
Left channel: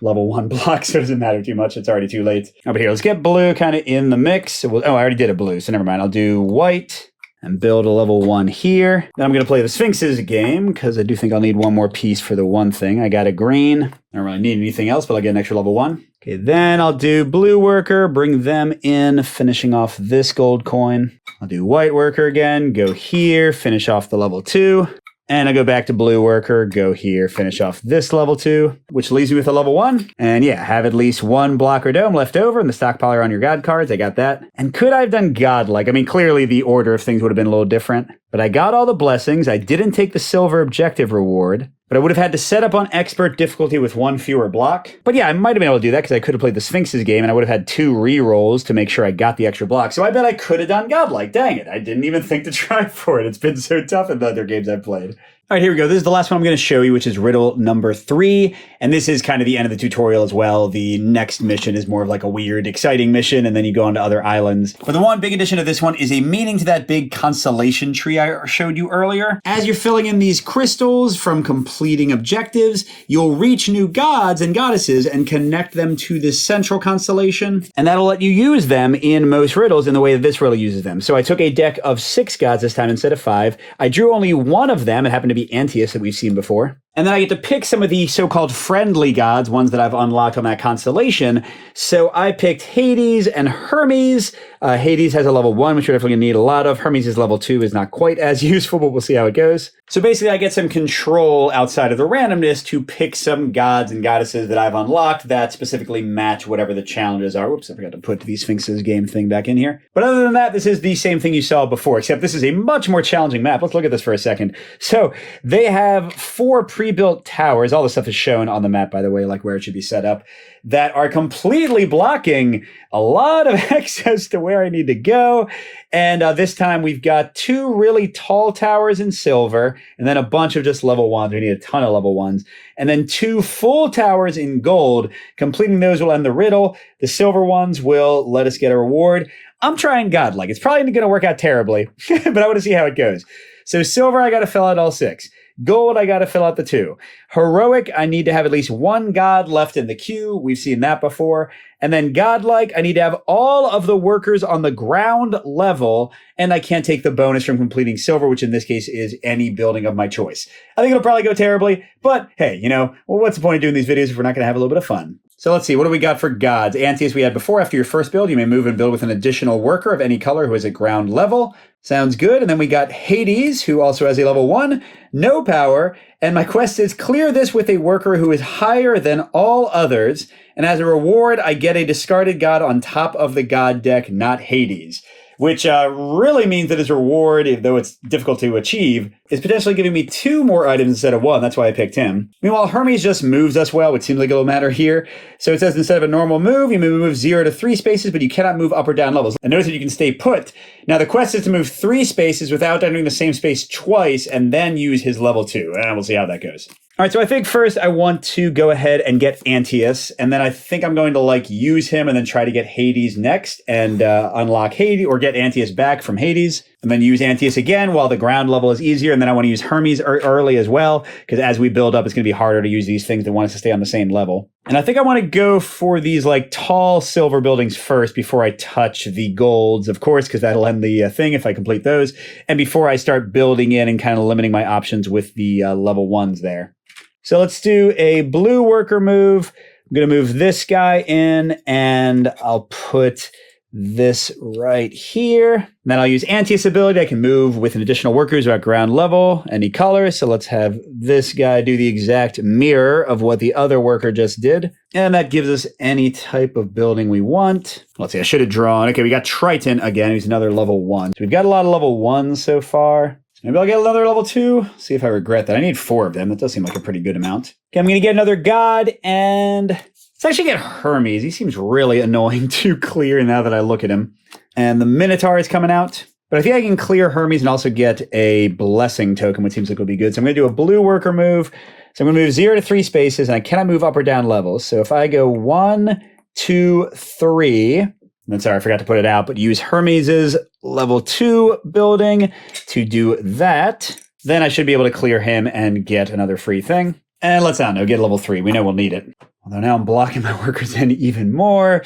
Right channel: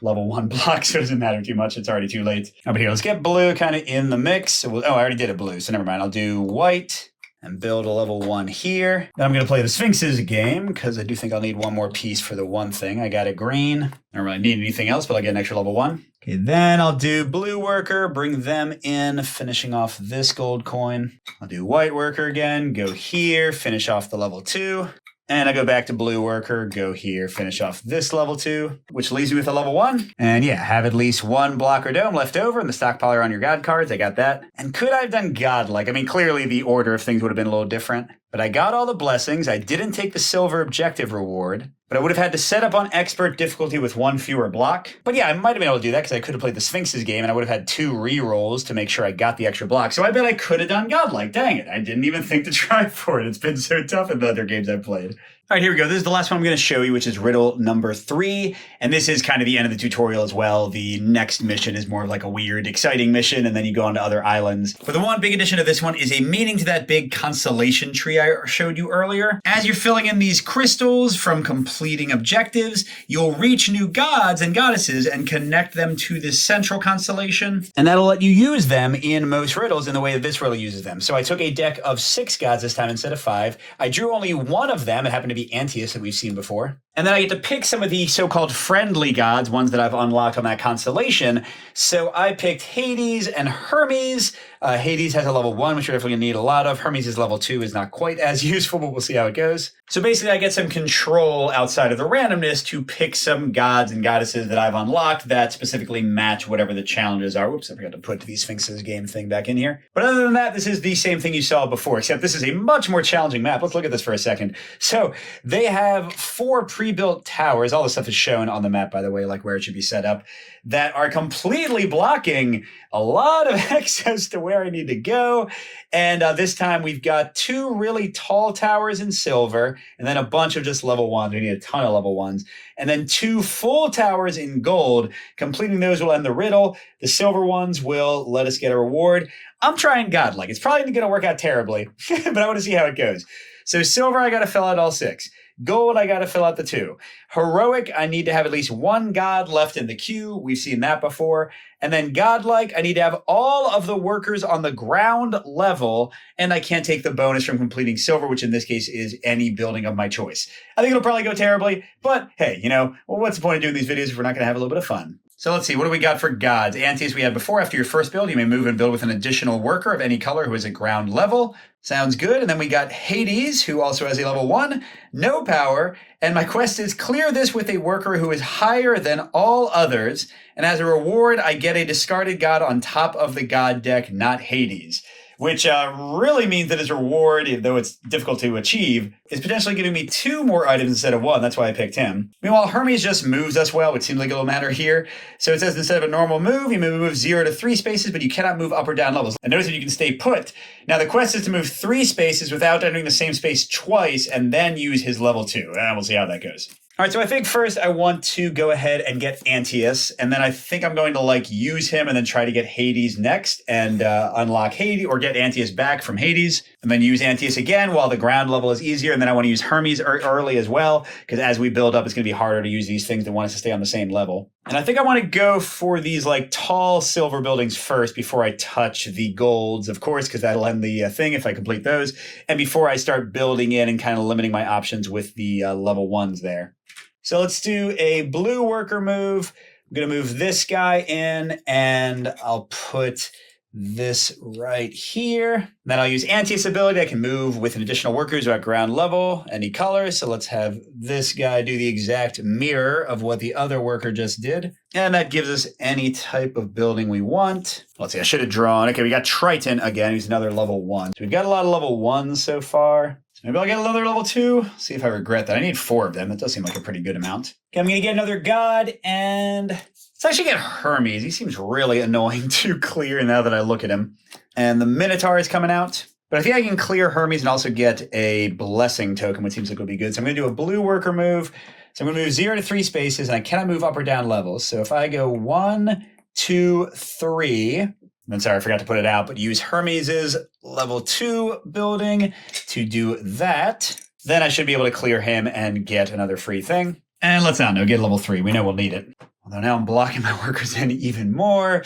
level 1 blocks, so it doesn't matter too much. It's already too late. Over here, let's get blue kind of in the mix. So I already did a blue, so never mind. I'll do white and build a level 1 here. Then I'm going to play the Sphinx's game, because I do think I'll need 1 more piece for the one thing. I got a green. I don't really need anything else, but I'll get an extra level 1. Okay, then I'll do blue worker, bring them in, finishing off this gold coin. I'll do white worker again, go here, finish off the level 2. And I go back to blue worker, go here, finish off this level 2, which leaves me with a level 1. And yeah, have at least 1 block or dome left over in the stockpile on your god cards. I got that. And could I have done godlike? I mean, clearly the order of things would have been a little different. But I got all the blessings. I didn't take the silver objective reward. But I would have had to set up on expert difficulty with 1 fewer block. But yeah, I might have been able to do that because I could have played the Sphinx's game and I would have had 2 rerolls to make sure I got the extra block. So I bet I could have done godlike. Dang it. I didn't even think to try for it. It's been so tough in the other games I've played. All right, here we go. This is the last one I'm going to show you, which is riddle number 3. And this is kind of the end of the tutorial as well. The next mission is more of like a weird, exciting mission, and then you go on to other islands. But the one big addition to this one is a meaning to that big constellation tree I showed you earlier. As you're filling in these crystals from completing objectives, you'll reach new gods and goddesses and connect them to this central constellation. And that'll let you use them in most riddles in the way that this riddle uses them. So I took a deck of 6 gods this time instead of 5. I drew only one of them. It happened to be Antaeus that we've seen before. And then I get to pick some of the so-called friendly gods, ones that I've unlocked on that constellation. So I picked Hades and Hermes. Hades has a level 1, which we're definitely going to need a lot of. Hermes is level 2, is not quite as useful, but we'll see how it goes. So basically I get some control outside of the randomness to pick some gods and goddesses that I've unlocked that specifically match whatever the challenges are. Whoops, I forgot to put the Sphinx's game thing back in here. But other than that, this is the same thing you saw before, except this is a much more challenging map. Let's look at this for a second. So they have 4 pre-built towers. All this stuff is shown on the map, by the way, like where it should be set up, that are completely blocking a lot of access to where I need to go. And this time we've got 2 really tall towers in silver, and then a bunch of just level 1s. We need a ton of level 1s. And then 2 full towers in gold. Completing those will end the riddle. The silver ones will let us get a reward. I'm trying godlike. It's probably going to work out terribly, but I want to see how it goes. So silver, I got to fill out all 6. Gold, I got to fill out the 2. Heroic, I need to have at least 1 god left in the queue. We've seen that before. And then godlike, I need to have all of the workers on the ground level, and I can't take the bonus from completing silver, which in this case is any building of my choice. I think it'll probably go terribly, but hey, well, what's the point of doing these videos if we're not going to have a little bit of fun? So let's see, what do we got for gods? Antaeus we had before. After your first build, you may move and build with an additional worker of any color who is at ground level. Sounds good. And then we got Hades, who also has a level 1, no power. And my quest is clear this with a worker who is higher than all others. And as a reward, I get a discarded god on top of the god deck, not Hades. Which really means that his reward, though it's difficult to achieve, is potentially giving me 2 more items instead of 1. That's why I picked him. Meanwhile, Hermes just moves us well, which seems like it'll matter here. So it says instead of a normal move, you may move 0 to 3 spaces, but you cannot move up or down levels. And notice that you can stay put. Now the quest is to move 3 spaces without entering the same space twice, and then use his level 2. And we'll see how that goes. All right, so I think first I want to go ahead and get Antaeus, and then I think I'm going to use him and then try to get Hades next and unlock Hades, or get Antaeus back from Hades, and then use Antaeus again while the ground level is easier, and then I want to use Hermes early as well, because as we build up, it's going to be harder to use these things that want us to stay on the same level. And I think I want to go for these tall silver buildings first before I touch the golds, of course, because that'll end the thing if I complete those, and before I start building in and kind of limiting my options with the level 1s there. So let's do a blue worker move. I'm going to move this guy in, and I'll put this right here. And then I'll use Antaeus' ability. I can move with an additional worker who's at ground level, any color. So let's have this guy do the exact mirror of what the other worker just did. And that gives us any type of building we want. Let's see, I should have drawn. Okay, we got Triton again. He's another level 1. So we've got a lot of level 1s so far. Maybe I'll get another level 2. See if I regret that. I need 4 of them. That does seem like a pretty good amount. Okay, I'm going to get another god, and let's actually get Hermes. He seems really annoying to clear now that I look at him. And the Minotaur is coming out. But I think I can clear Hermes and also get a blessing token, which seems like will be good. So I'm going to do a blue worker move. So I'm going to move 0 to 3 spaces, and I cannot move up or down levels. So if I go 1, 2, 3... I'm sorry, I forgot to put it out, but use Hermes' level 2 building to do that. Then I should be able to clear him and get another free thing. And let's not know, get level 3. We know we'll need it. Although now I'm blocking my workers in even more.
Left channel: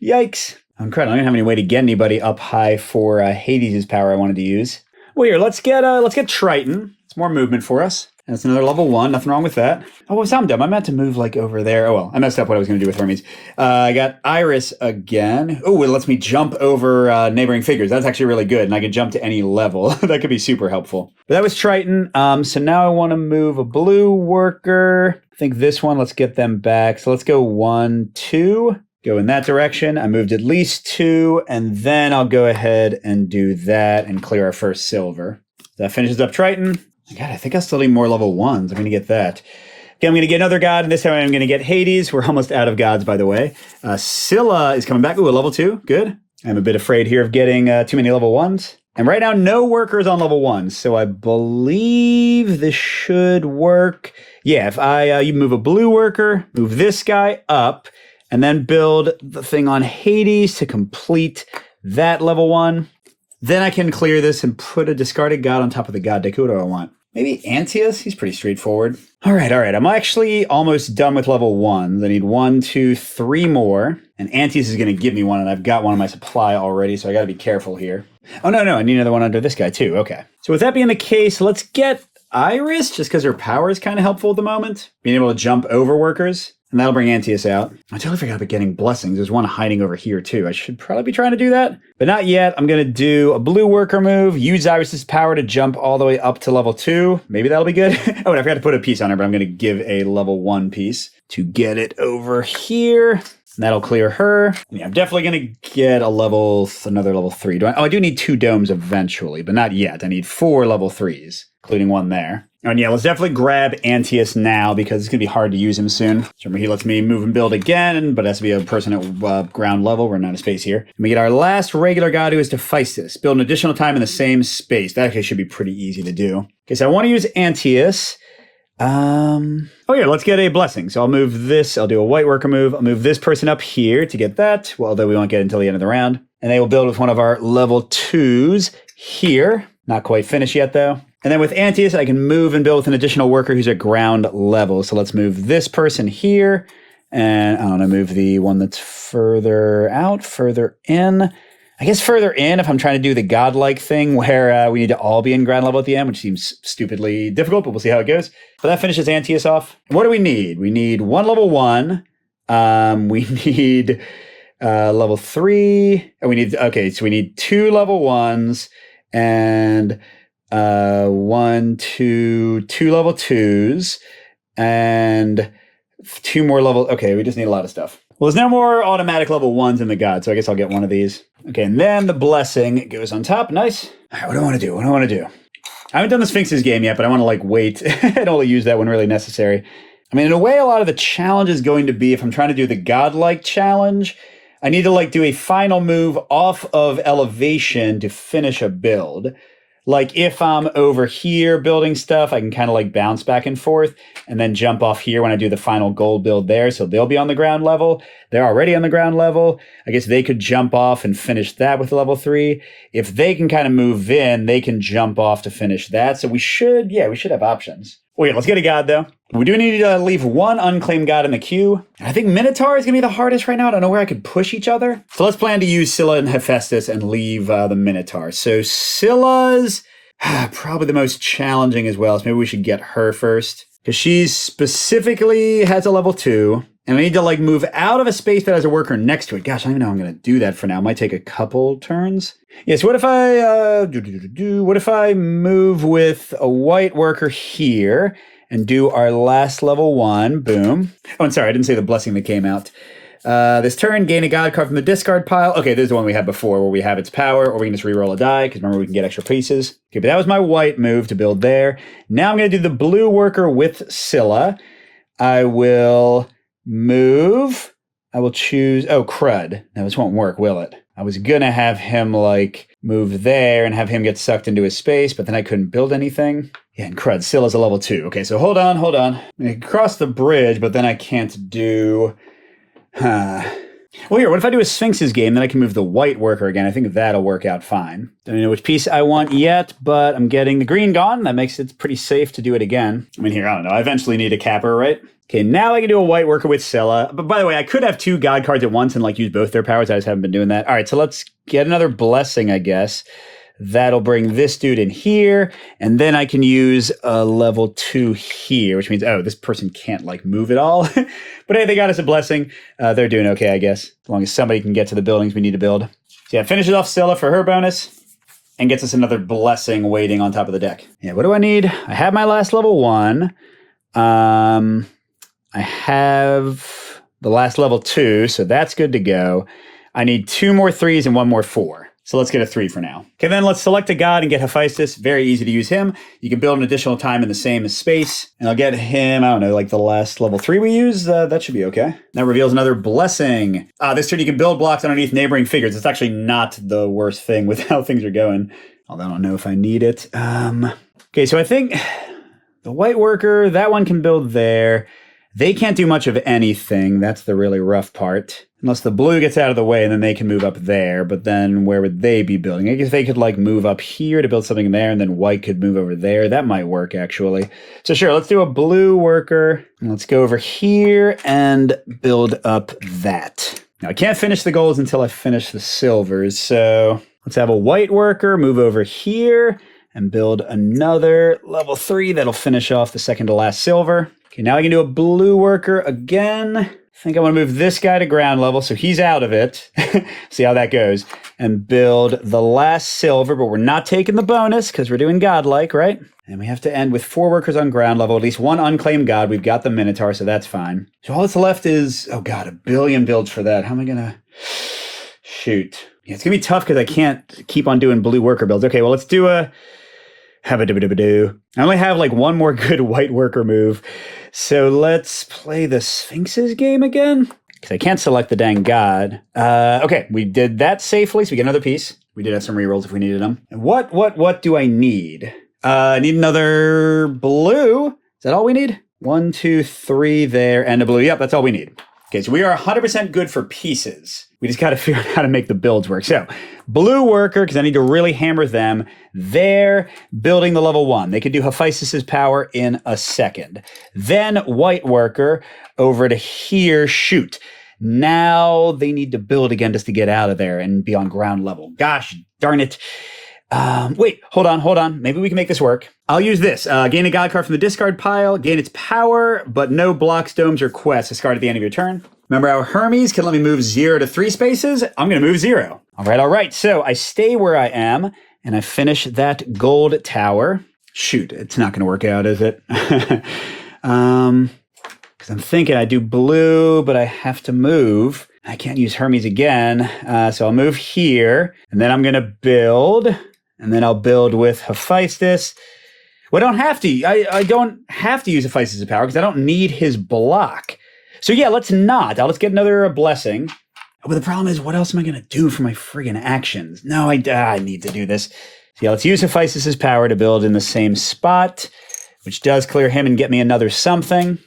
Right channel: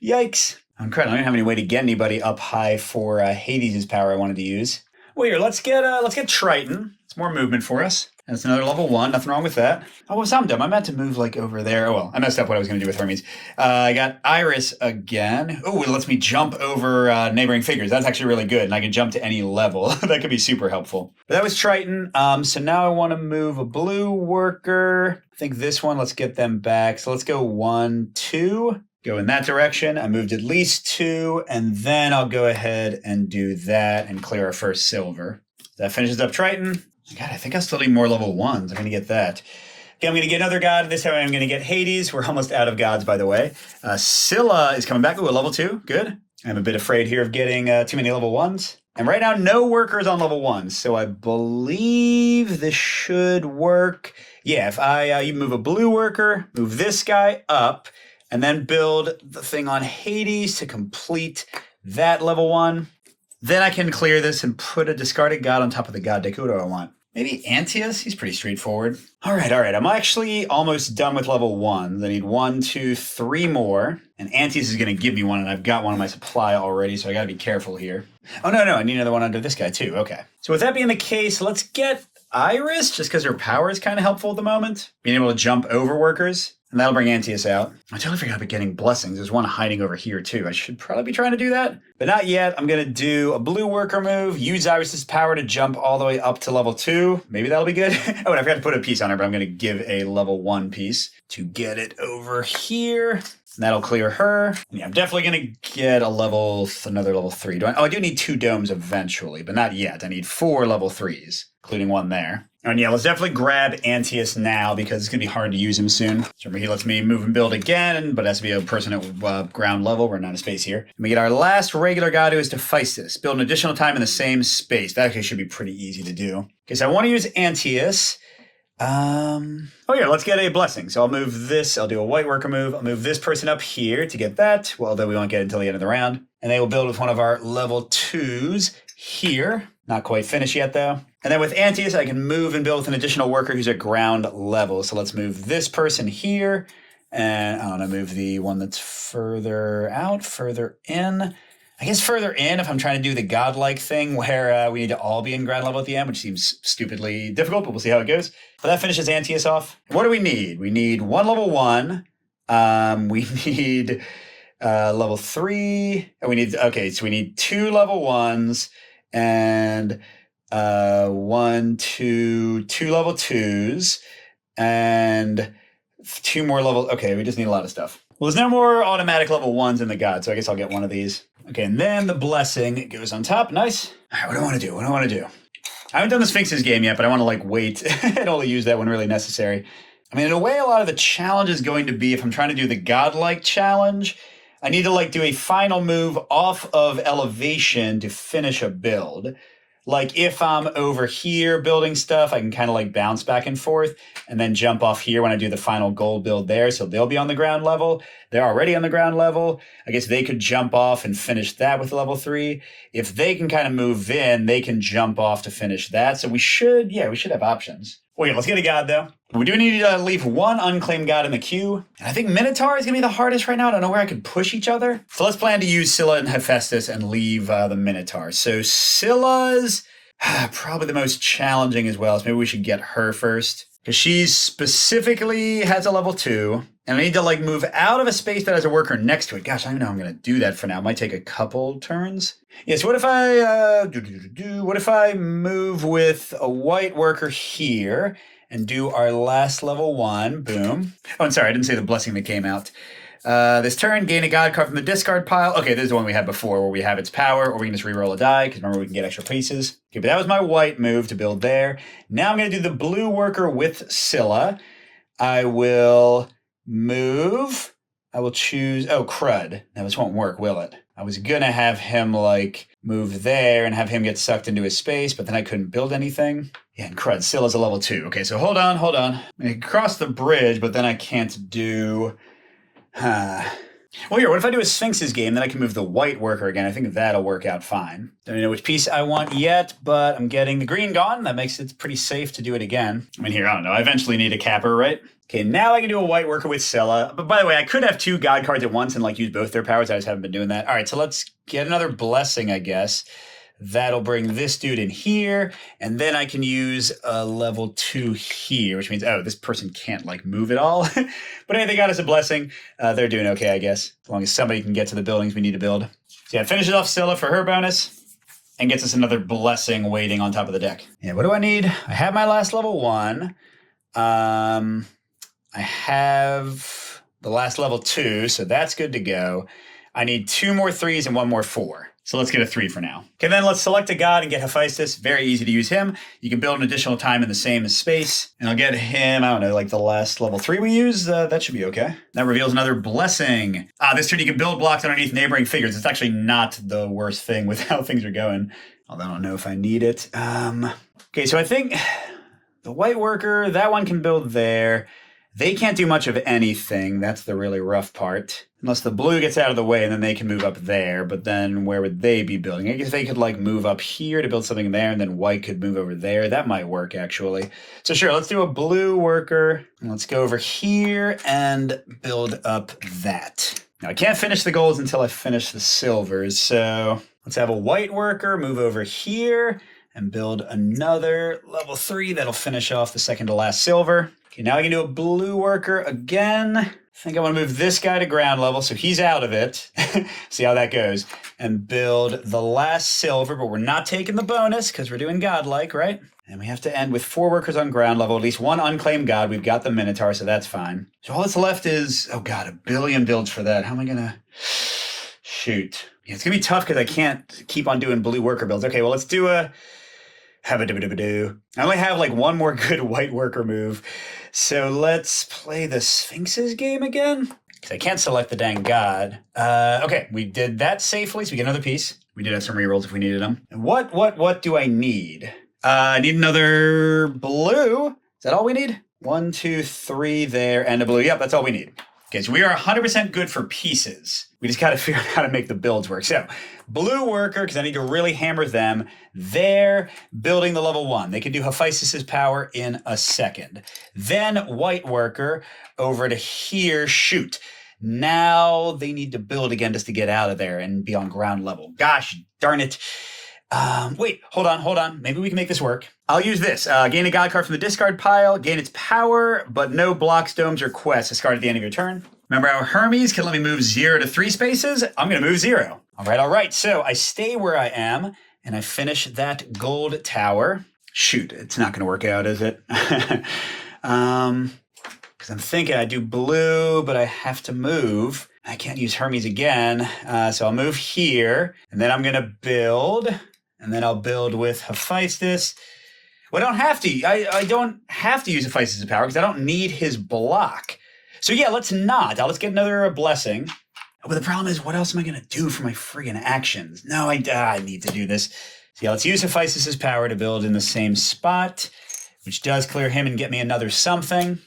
Yikes. I'm incredible. I don't have any way to get anybody up high for Hades' power I wanted to use. Well, here, let's get Triton. It's more movement for us. That's another level 1. Nothing wrong with that. Oh, I'm dumb. I meant to move over there. Oh, well, I messed up what I was going to do with Hermes. I got Iris again. Oh, it lets me jump over neighboring figures. That's actually really good. And I can jump to any level. That could be super helpful. But that was Triton. So now I want to move a blue worker. I think this one, let's get them back. So let's go 1, 2. Go in that direction. I moved at least 2. And then I'll go ahead and do that and clear our first silver. That finishes up Triton. God, I think I still need more level 1s. I'm going to get that. Okay, I'm going to get another god, and this time I'm going to get Hades. We're almost out of gods, by the way. Scylla is coming back. Ooh, a level 2. Good. I'm a bit afraid here of getting too many level 1s. And right now, no workers on level 1. So I believe this should work. Yeah, if you move a blue worker, move this guy up, and then build the thing on Hades to complete that level 1. Then I can clear this and put a discarded god on top of the god deck. Who do I want? Maybe Antius? He's pretty straightforward. All right. I'm actually almost done with level 1. I need 1, 2, 3 more. And Antius is going to give me one, and I've got one in my supply already, so I got to be careful here. Oh, no. I need another one under this guy, too. Okay. So with that being the case, let's get Iris, just because her power is kind of helpful at the moment. Being able to jump over workers. And that'll bring Antius out. I totally forgot about getting blessings. There's one hiding over here, too. I should probably be trying to do that. But not yet. I'm going to do a blue worker move, use Iris's power to jump all the way up to level 2. Maybe that'll be good. Oh, and I forgot to put a piece on her, but I'm going to give a level 1 piece to get it over here. That'll clear her. Yeah, I'm definitely going to get another level 3. I do need 2 domes eventually, but not yet. I need 4 level 3s, including one there. And yeah, let's definitely grab Antius now because it's going to be hard to use him soon. So remember, he lets me move and build again, but it has to be a person at ground level. We're not in space here. And we get our last regular god, who is Hephaestus. Build an additional time in the same space. That actually should be pretty easy to do. Okay, so I want to use Antius. Oh yeah, let's get a blessing. So I'll move this. I'll do a white worker move. I'll move this person up here to get that. Well, although we won't get it until the end of the round. And they will build with one of our level 2s here. Not quite finished yet, though. And then with Antius, I can move and build with an additional worker who's at ground level. So let's move this person here. And I don't know, move the one that's further out, further in. I guess further in if I'm trying to do the godlike thing where we need to all be in ground level at the end, which seems stupidly difficult, but we'll see how it goes. But that finishes Antius off. And what do we need? We need 1 level 1. We need level 3. So we need 2 level 1s and 1, 2 level 2s and 2 more level. Okay, we just need a lot of stuff. Well, there's no more automatic level 1s in the god, so I guess I'll get one of these. Okay, and then the blessing goes on top. Nice. All right, what do I want to do? I haven't done the Sphinx's game yet, but I want to wait and only use that when really necessary. I mean, in a way, a lot of the challenge is going to be if I'm trying to do the godlike challenge, I need to do a final move off of elevation to finish a build. If I'm over here building stuff, I can kind of bounce back and forth and then jump off here when I do the final gold build there. So they'll be on the ground level. They're already on the ground level. I guess they could jump off and finish that with level 3. If they can kind of move in, they can jump off to finish that. So we should have options. Wait, let's get a god though. We do need to leave 1 unclaimed god in the queue. And I think Minotaur is going to be the hardest right now. I don't know where I could push each other. So let's plan to use Scylla and Hephaestus and leave the Minotaur. So Scylla's probably the most challenging as well. So maybe we should get her first. Because she specifically has a level 2. And we need to move out of a space that has a worker next to it. Gosh, I don't know how I'm going to do that for now. It might take a couple turns. Yes, what if I move with a white worker here and do our last level 1? Boom. Oh, and sorry, I didn't say the blessing that came out. This turn, gain a god card from the discard pile. Okay, this is the one we had before where we have its power, or we can just reroll a die, because remember we can get extra pieces. Okay, but that was my white move to build there. Now I'm going to do the blue worker with Scylla. I will move. I will choose, crud. Now this won't work, will it? I was going to have him move there and have him get sucked into his space, but then I couldn't build anything. Yeah, and crud, Scylla's a level 2. Okay, so hold on. I'm going to cross the bridge, but then I can't do... Well, here, what if I do a Sphinx's game, then I can move the white worker again. I think that'll work out fine. Don't know which piece I want yet, but I'm getting the green gone. That makes it pretty safe to do it again. I mean, here, I don't know. I eventually need a capper, right? Okay, now I can do a white worker with Scylla. But by the way, I could have 2 god cards at once and use both their powers. I just haven't been doing that. All right, so let's get another blessing, I guess. That'll bring this dude in here, and then I can use a level 2 here, which means, this person can't move at all. But hey, they got us a blessing. They're doing okay, I guess, as long as somebody can get to the buildings we need to build. So yeah, finishes off Scylla for her bonus and gets us another blessing waiting on top of the deck. Yeah, what do I need? I have my last level 1. I have the last level 2, so that's good to go. I need 2 more 3s and 1 more 4. So let's get a 3 for now. Okay, then let's select a god and get Hephaestus. Very easy to use him. You can build an additional time in the same space. And I'll get him, I don't know, the last level 3 we use. That should be okay. That reveals another blessing. This turn you can build blocks underneath neighboring figures. It's actually not the worst thing with how things are going. Although I don't know if I need it. Okay, so I think the white worker, that one can build there. They can't do much of anything. That's the really rough part. Unless the blue gets out of the way, and then they can move up there. But then where would they be building? I guess they could like move up here to build something there, and then white could move over there. That might work, actually. So sure, let's do a blue worker. And let's go over here and build up that. Now, I can't finish the golds until I finish the silvers. So let's have a white worker move over here and build another level 3 that'll finish off the second to last silver. Okay, now I can do a blue worker again. I think I want to move this guy to ground level, so he's out of it. See how that goes. And build the last silver, but we're not taking the bonus because we're doing godlike, right? And we have to end with 4 workers on ground level, at least 1 unclaimed god. We've got the Minotaur, so that's fine. So all that's left is, oh god, 1 billion builds for that. How am I going to... Shoot. Yeah, it's going to be tough because I can't keep on doing blue worker builds. Okay, well, let's do a... Habba-dibba-dibba-doo. I only have like 1 more good white worker move. So let's play the Sphinx's game again. Because I can't select the dang god. Okay, we did that safely, so we get another piece. We did have some rerolls if we needed them. And what do I need? I need another blue. Is that all we need? 1, 2, 3 there, and a blue. Yep, that's all we need. Okay, so we are 100% good for pieces. We just got to figure out how to make the builds work. So, blue worker, because I need to really hammer them. They're building the level 1. They can do Hephaestus's power in a second. Then white worker over to here, shoot. Now they need to build again just to get out of there and be on ground level. Gosh darn it. Wait, hold on. Maybe we can make this work. I'll use this. Gain a god card from the discard pile, gain its power, but no blocks, domes, or quests. Discard at the end of your turn. Remember how Hermes can let me move 0 to 3 spaces? I'm going to move 0. All right. So I stay where I am, and I finish that gold tower. Shoot, it's not going to work out, is it? Because I'm thinking I do blue, but I have to move. I can't use Hermes again, so I'll move here, and then I'm going to build, and then I'll build with Hephaestus. Well, I don't have to. I don't have to use Hephaestus' power because I don't need his block. So yeah, let's not. Let's get another blessing. But the problem is, what else am I going to do for my friggin' actions? No, I need to do this. So yeah, let's use Hephaestus' power to build in the same spot, which does clear him and get me another something.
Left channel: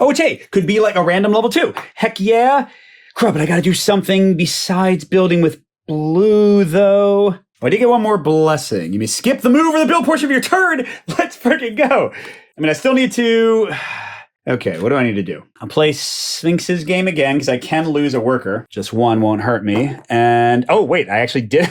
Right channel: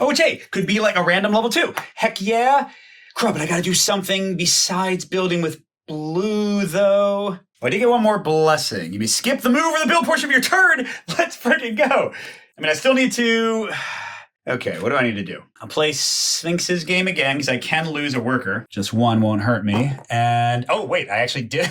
Oh, which, hey, could be like a random level 2. Heck yeah. Crap, but I gotta do something besides building with blue, though. Oh, I did get 1 more blessing. You may skip the move or the build portion of your turn. Let's freaking go. I mean, I still need to... Okay, what do I need to do? I'll play Sphinx's game again, because I can lose a worker. Just 1 won't hurt me. And, oh, wait, I actually did...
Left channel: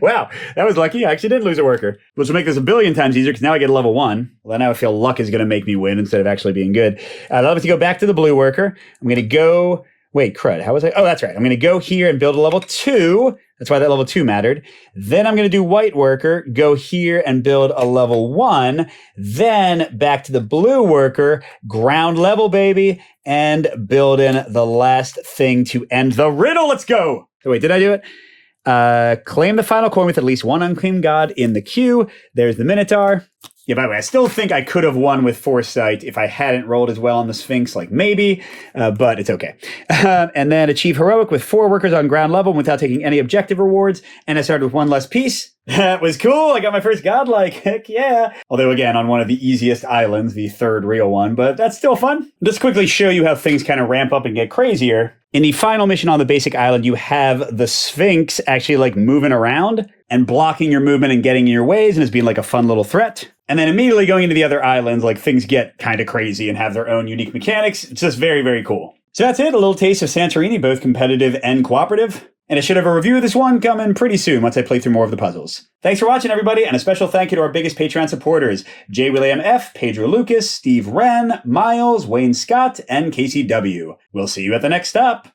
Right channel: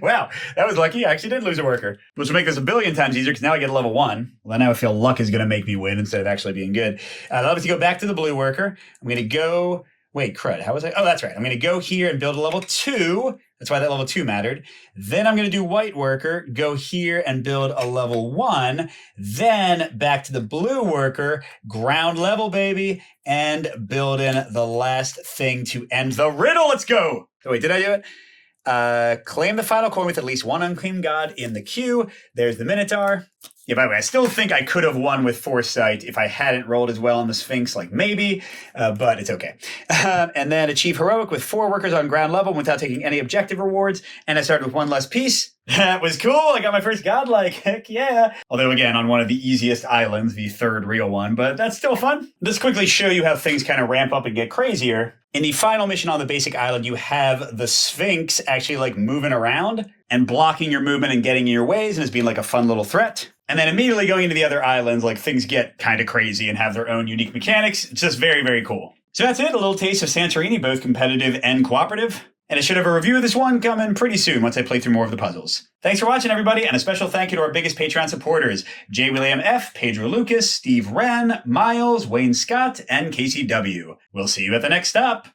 Wow, that was lucky. I actually did lose a worker, which will make this 1 billion times easier because now I get a level 1. Well, now I feel luck is going to make me win instead of actually being good. I'll obviously go back to the blue worker. I'm going to go... Wait, crud. How was I? Oh, that's right. I'm going to go here and build a level 2. That's why that level 2 mattered. Then I'm going to do white worker, go here and build a level 1. Then back to the blue worker, ground level, baby, and build in the last thing to end the riddle. Let's go. So wait, did I do it? Claim the final coin with at least 1 unclaimed god in the queue. There's the Minotaur. Yeah, by the way, I still think I could have won with Foresight if I hadn't rolled as well on the Sphinx, like maybe, but it's okay. And then achieve heroic with 4 workers on ground level without taking any objective rewards. And I started with 1 less piece. That was cool. I got my first godlike. Heck yeah. Although again, on one of the easiest islands, the 3rd real one, but that's still fun. Just quickly show you how things kind of ramp up and get crazier. In the final mission on the basic island, you have the Sphinx actually like moving around and blocking your movement and getting in your ways and as being like a fun little threat. And then immediately going into the other islands, like things get kind of crazy and have their own unique mechanics. It's just very, very cool. So that's it. A little taste of Santorini, both competitive and cooperative. And I should have a review of this one coming pretty soon once I play through more of the puzzles. Thanks for watching, everybody, and a special thank you to our biggest Patreon supporters, J. William F., Pedro Lucas, Steve Wren, Miles, Wayne Scott, and Casey W. We'll see you at the next stop.